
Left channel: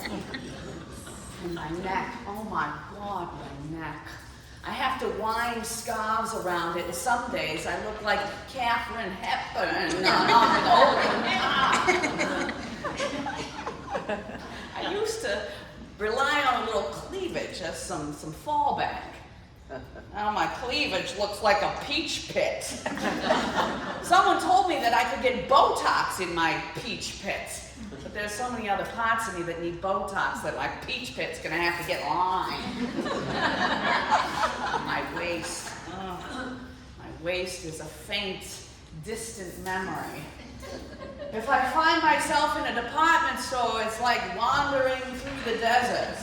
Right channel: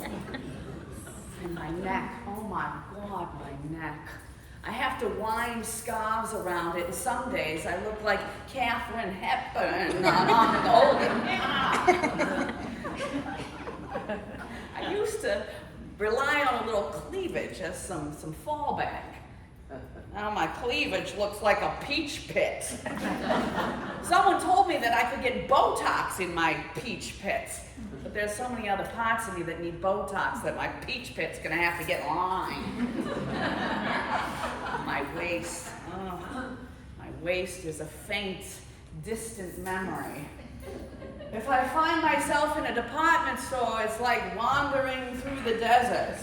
And my neck, oh my God, my neck. I have to wind scarves around it, and some days I look like Katharine Hepburn on Golden Pond. I used to rely on a little cleavage as some fallback. Now my cleavage looks like a peach pit. Someone told me that I could get Botox in my peach pits. But there's so many other parts of me that need Botox that my peach pit's gonna have to get lined. My waist, my waist is a faint, distant memory. If I find myself in a department store, it's like wandering through the desert.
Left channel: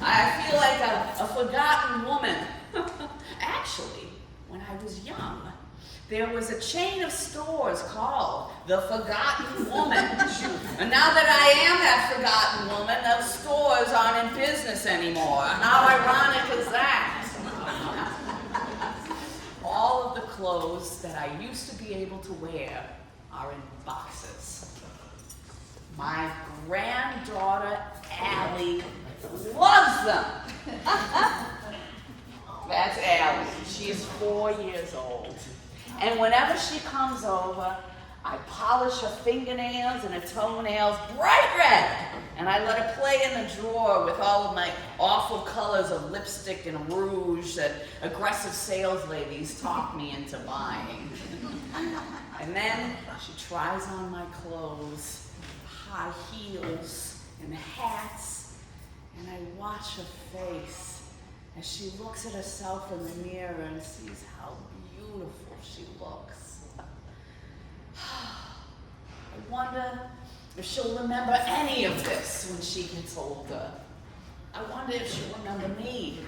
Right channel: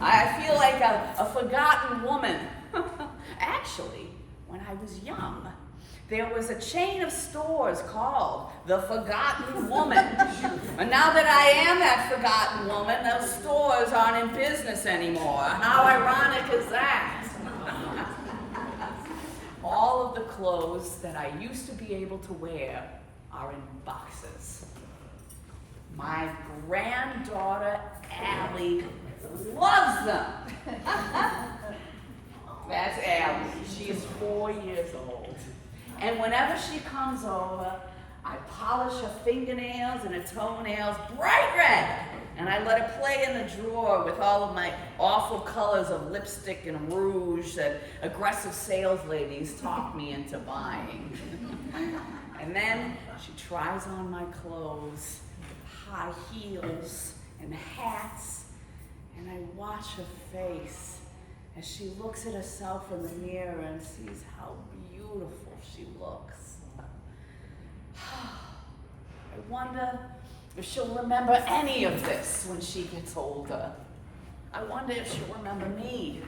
I feel like a forgotten woman. Actually, when I was young, there was a chain of stores called The Forgotten Woman. And now that I am that forgotten woman, those stores aren't in business anymore. How ironic is that? All of the clothes that I used to be able to wear are in boxes. My granddaughter, Allie, loves them. That's Allie. She's 4 years old. And whenever she comes over, I polish her fingernails and her toenails bright red. And I let her play in the drawer with all of my awful colors of lipstick and rouge that aggressive sales ladies talk me into buying. And then she tries on my clothes, high heels and hats, and I watch her face as she looks at herself in the mirror and sees how beautiful she looks. I wonder if she'll remember any of this when she gets older. I wonder if she'll remember me.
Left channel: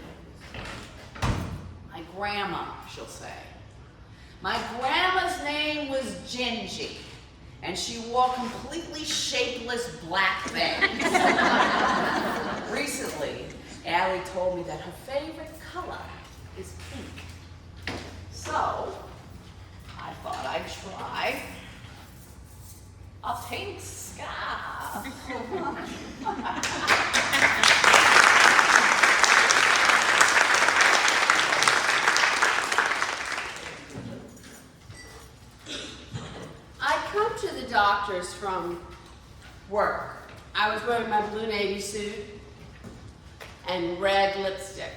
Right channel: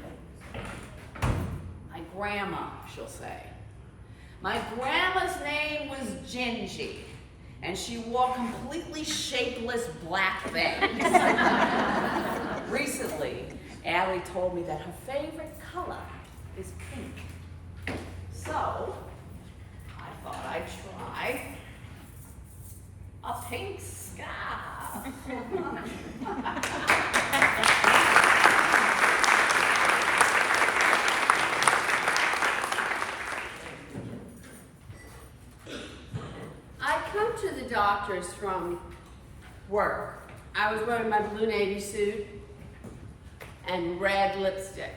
My grandma, she'll say. My grandma's name was Gingy, and she wore completely shapeless black things. Recently, Allie told me that her favorite color is pink. So, I thought I'd try a pink scarf. I come to the doctor's from work. I was wearing my blue navy suit and red lipstick.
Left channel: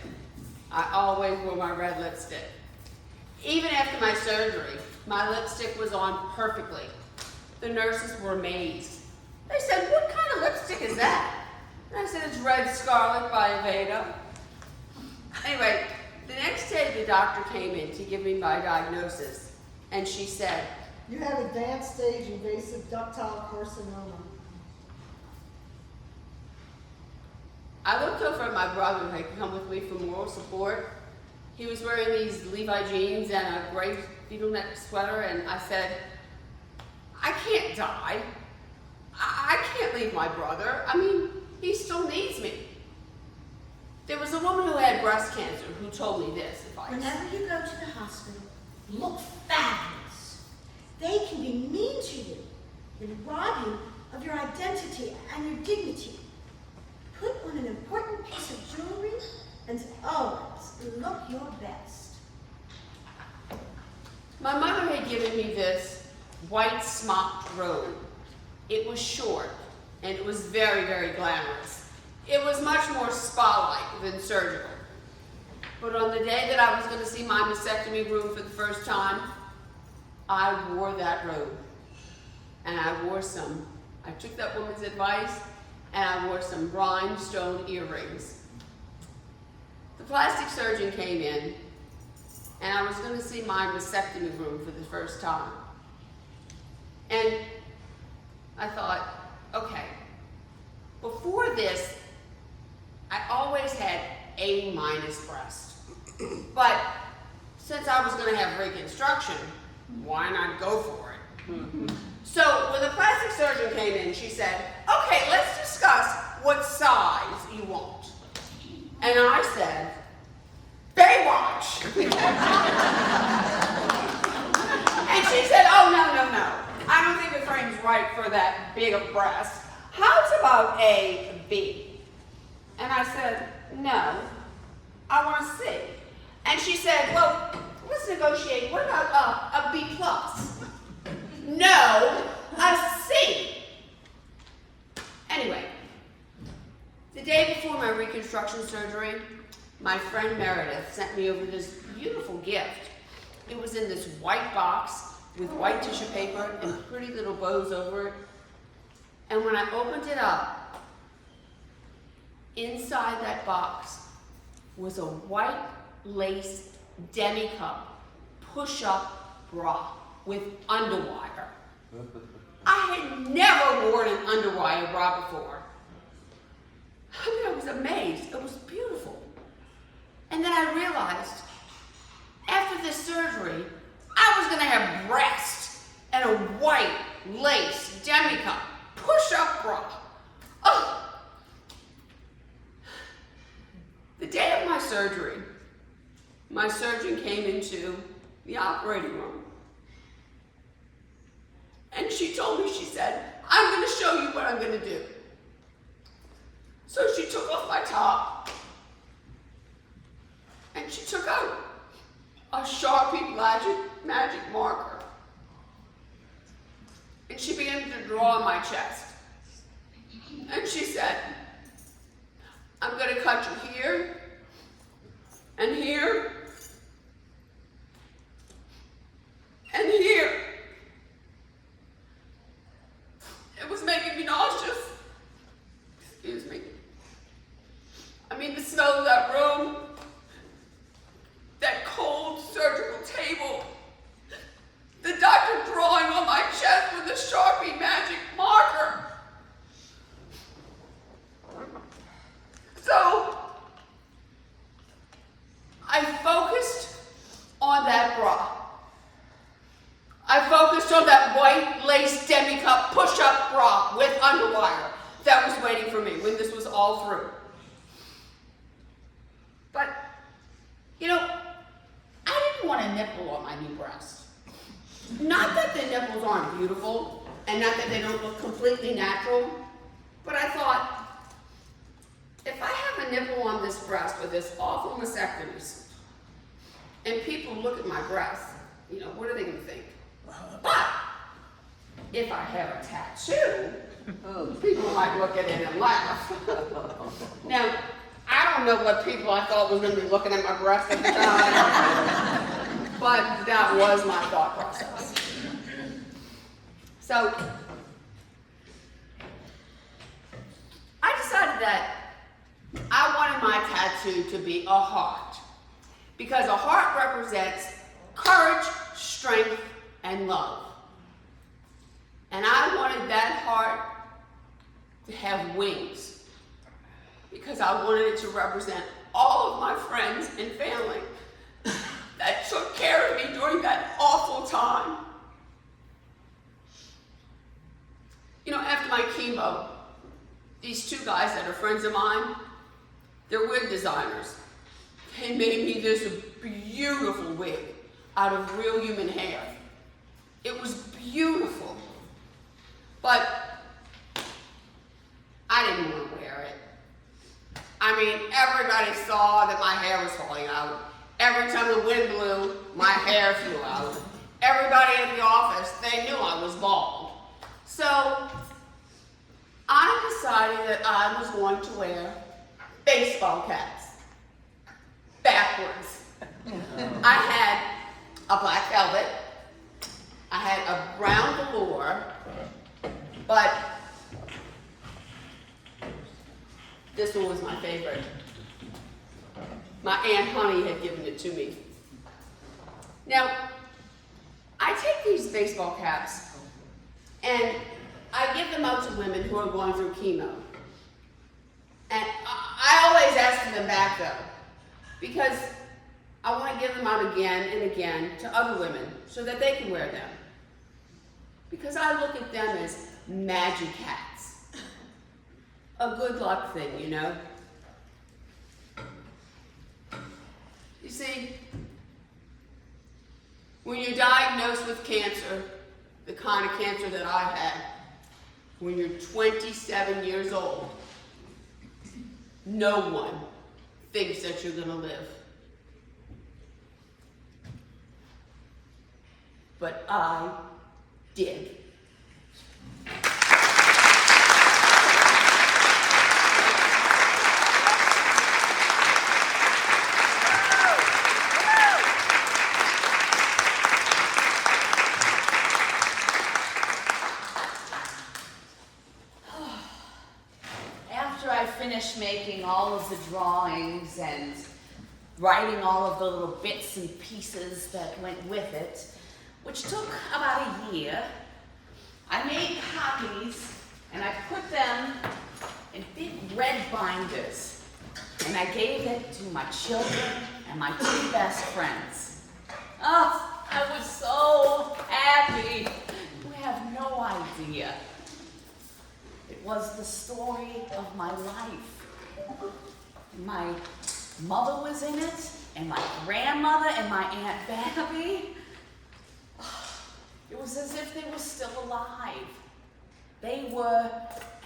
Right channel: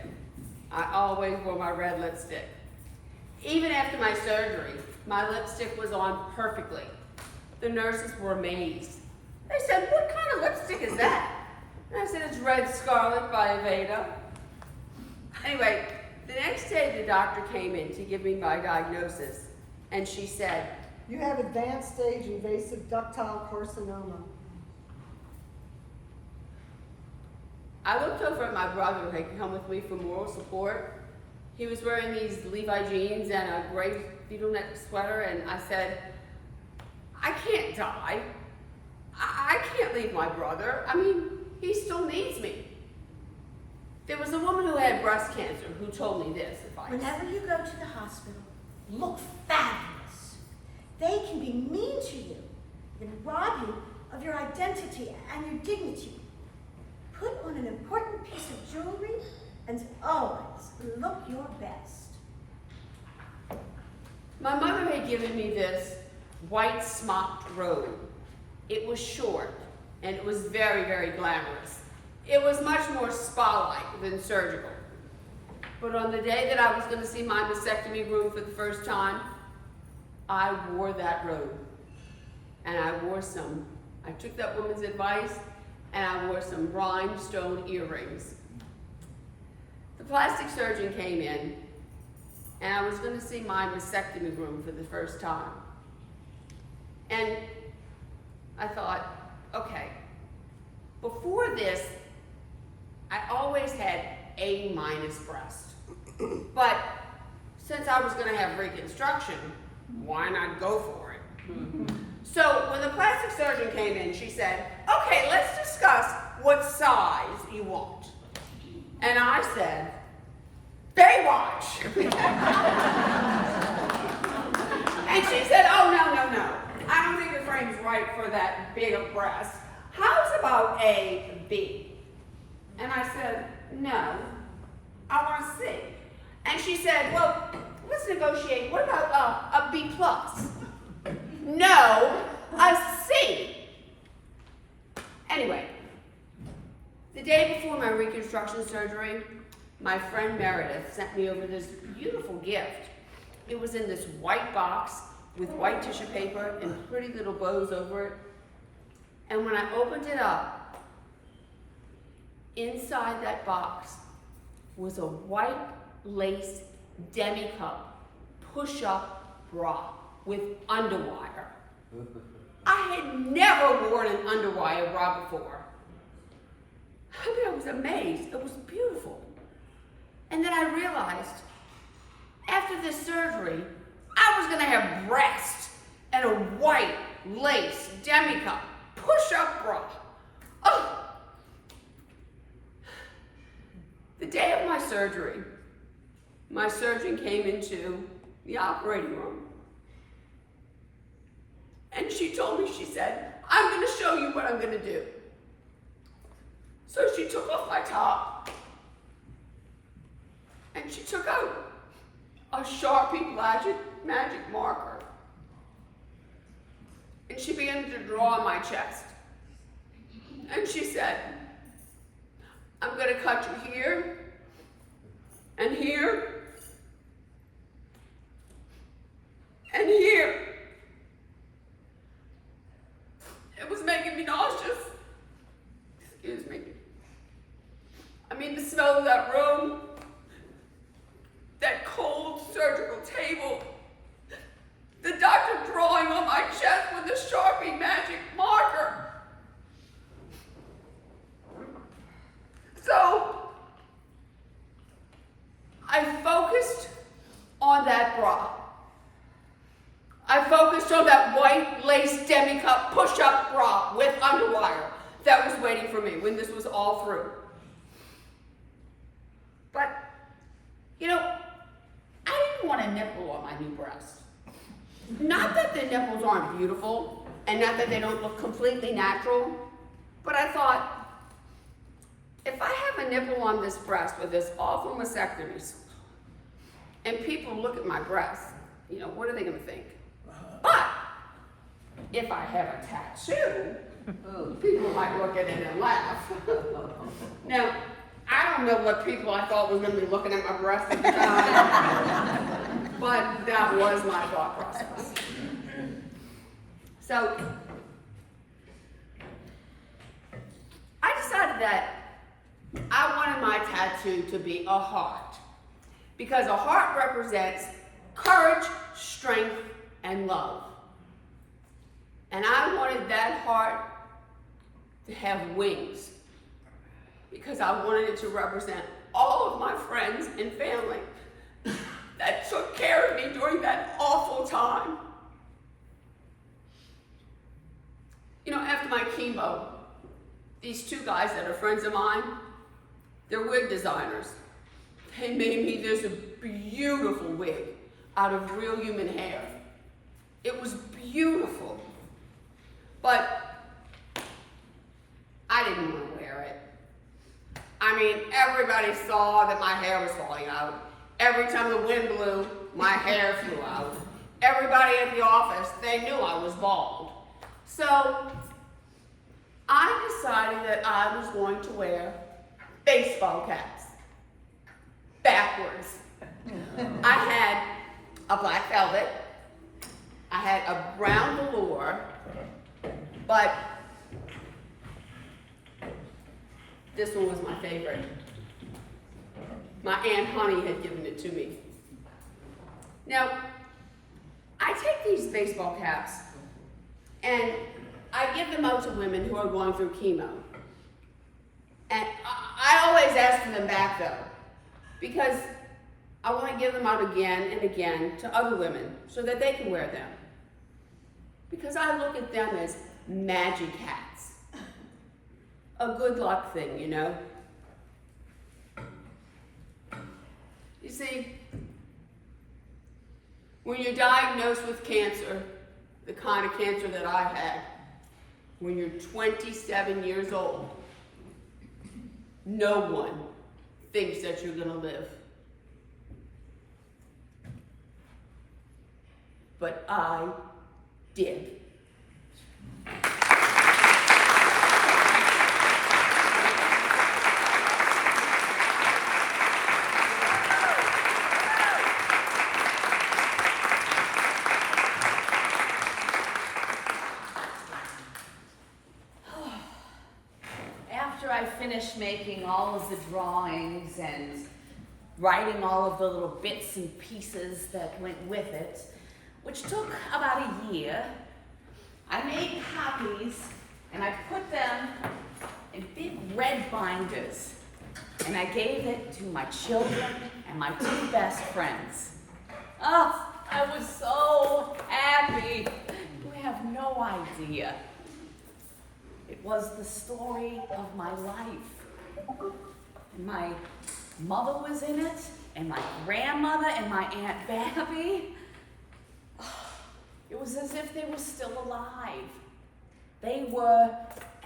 I always wore my red lipstick. Even after my surgery, my lipstick was on perfectly. The nurses were amazed. They said, "What kind of lipstick is that?" And I said, "It's Red Scarlet by Aveda." Anyway, the next day the doctor came in to give me my diagnosis, and she said, You have advanced stage invasive ductile carcinoma. I looked over at my brother who had come with me for moral support. He was wearing these Levi jeans and a gray beetle neck sweater, and I said, "I can't die. I can't leave my brother. I mean, he still needs me." There was a woman who had breast cancer who told me this advice. Whenever you go to the hospital, look fabulous. They can be mean to you, then rob you of your identity and your dignity. Put on an important piece of jewelry and always look your best. My mother had given me this white smocked robe. It was short, and it was very, very glamorous. It was much more spa-like than surgical. But on the day that I was going to see my mastectomy room for the first time, I wore that robe. And I took that woman's advice, and I wore some rhinestone earrings. The plastic surgeon came in, and I was going to see my mastectomy room for the first time. And I thought, okay, before this, I always had A- breast. But since I was gonna have reconstruction, why not go for it? So when the plastic surgeon came in, she said, okay, let's discuss what size you want. And I said, Baywatch. And she said, oh, no. I don't think the frame's right for that big of breast. How's about a B? And I said, no, I want a C. And she said, well, let's negotiate. What about a B plus? No, a C. Anyway, the day before my reconstruction surgery, my friend Meredith sent me over this beautiful gift. It was in this white box with white tissue paper and pretty little bows over it. And when I opened it up, inside that box was a white lace demi-cup push-up bra with underwire. I had never worn an underwire bra before. I was amazed. It was beautiful. And then I realized, after this surgery, I was gonna have breasts and a white lace demi-cup push-up bra. Oh. The day of my surgery, my surgeon came into the operating room. And she told me, she said, I'm gonna show you what I'm gonna do. So she took off my top and she took out a Sharpie magic marker. And she began to draw on my chest. And she said, I'm gonna cut you here and here and here. It was making me nauseous. Excuse me. I mean, the smell of that room, that cold surgical table, the doctor drawing on my chest with a Sharpie magic marker. So, I focused on that bra. I focused on that white lace demi-cup push-up bra with underwire that was waiting for me when this was all through. But, you know, I didn't want a nipple on my new breast. Not that the nipples aren't beautiful, and not that they don't look completely natural, but I thought, if I have a nipple on this breast with this awful mastectomy, and people look at my breast, you know, what are they gonna think? But, if I have a tattoo, people might look at it and laugh. Now, I don't know what people I thought was gonna be looking at my breast at the time, but that was my thought process. So, I decided that I wanted my tattoo to be a heart, because a heart represents courage, strength, and love. And I wanted that heart to have wings, because I wanted it to represent all of my friends and family that took care of me during that awful time. You know, after my chemo, these two guys that are friends of mine, they're wig designers. They made me this beautiful wig out of real human hair. It was beautiful, but I didn't want to wear it. I mean, everybody saw that my hair was falling out. Every time the wind blew, my hair flew out. Everybody at the office, they knew I was bald. So I decided that I was going to wear baseball caps, backwards. I had a black velvet, I had a brown velour, but this one was my favorite. My Aunt Honey had given it to me. Now, I take these baseball caps and I give them out to women who are going through chemo. And I always ask for them back though, because I want to give them out again and again to other women so that they can wear them. Because I look at them as magic hats. A good luck thing, you know. You see, when you're diagnosed with cancer, the kind of cancer that I had, when you're 27 years old, no one thinks that you're gonna live. But I did. After I finished making all of the drawings and writing all of the little bits and pieces that went with it, which took about a year, I made copies and I put them in big red binders, and I gave it to my children and my two best friends. Oh, I was so happy. You have no idea. It was the story of my life. And my mother was in it, and my grandmother and my Aunt Babby. It was as if they were still alive. They were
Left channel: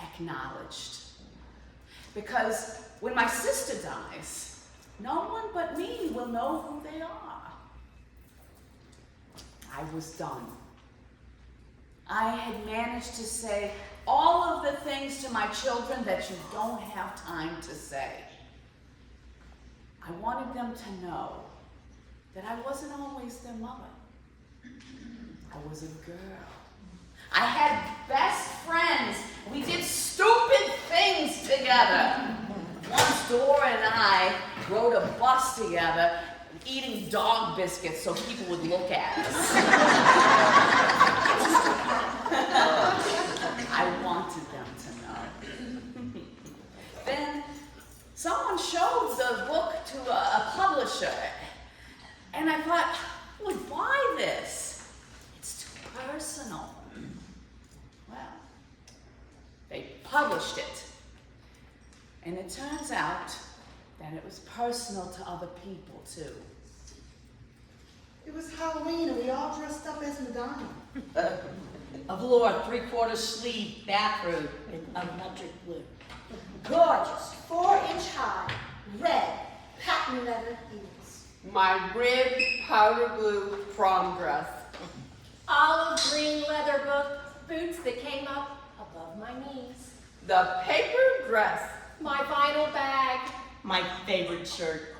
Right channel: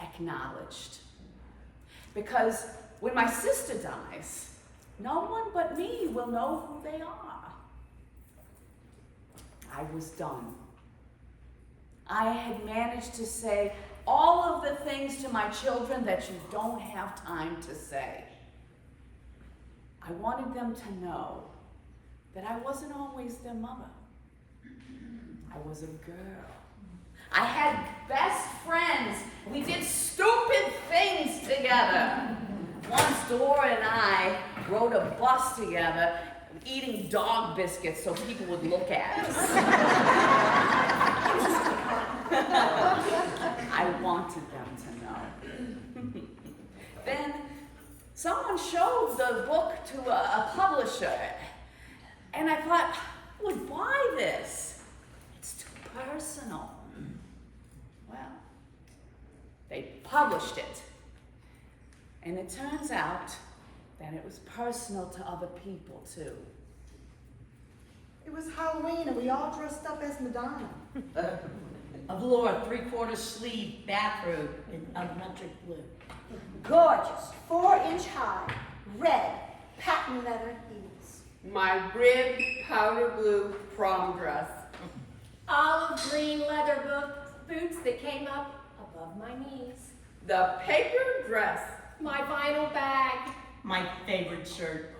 acknowledged. Because when my sister dies, no one but me will know who they are. I was done. I had managed to say all of the things to my children that you don't have time to say. I wanted them to know that I wasn't always their mother. I was a girl. I had best friends. We did stupid things together. Once Dora and I rode a bus together, eating dog biscuits so people would look at us. I wanted them to know. Then someone showed the book to a publisher, and I thought, I would buy this. It's too personal. Well, they published it, and it turns out that it was personal to other people too. It was Halloween and we all dressed up as Madonna. A velour 3/4 sleeve bathrobe in electric blue. Gorgeous, 4-inch high, red, patent leather heels. My ribbed powder blue prom dress. Olive green leather boots that came up above my knees. The paper dress. My vinyl bag. My favorite shirt.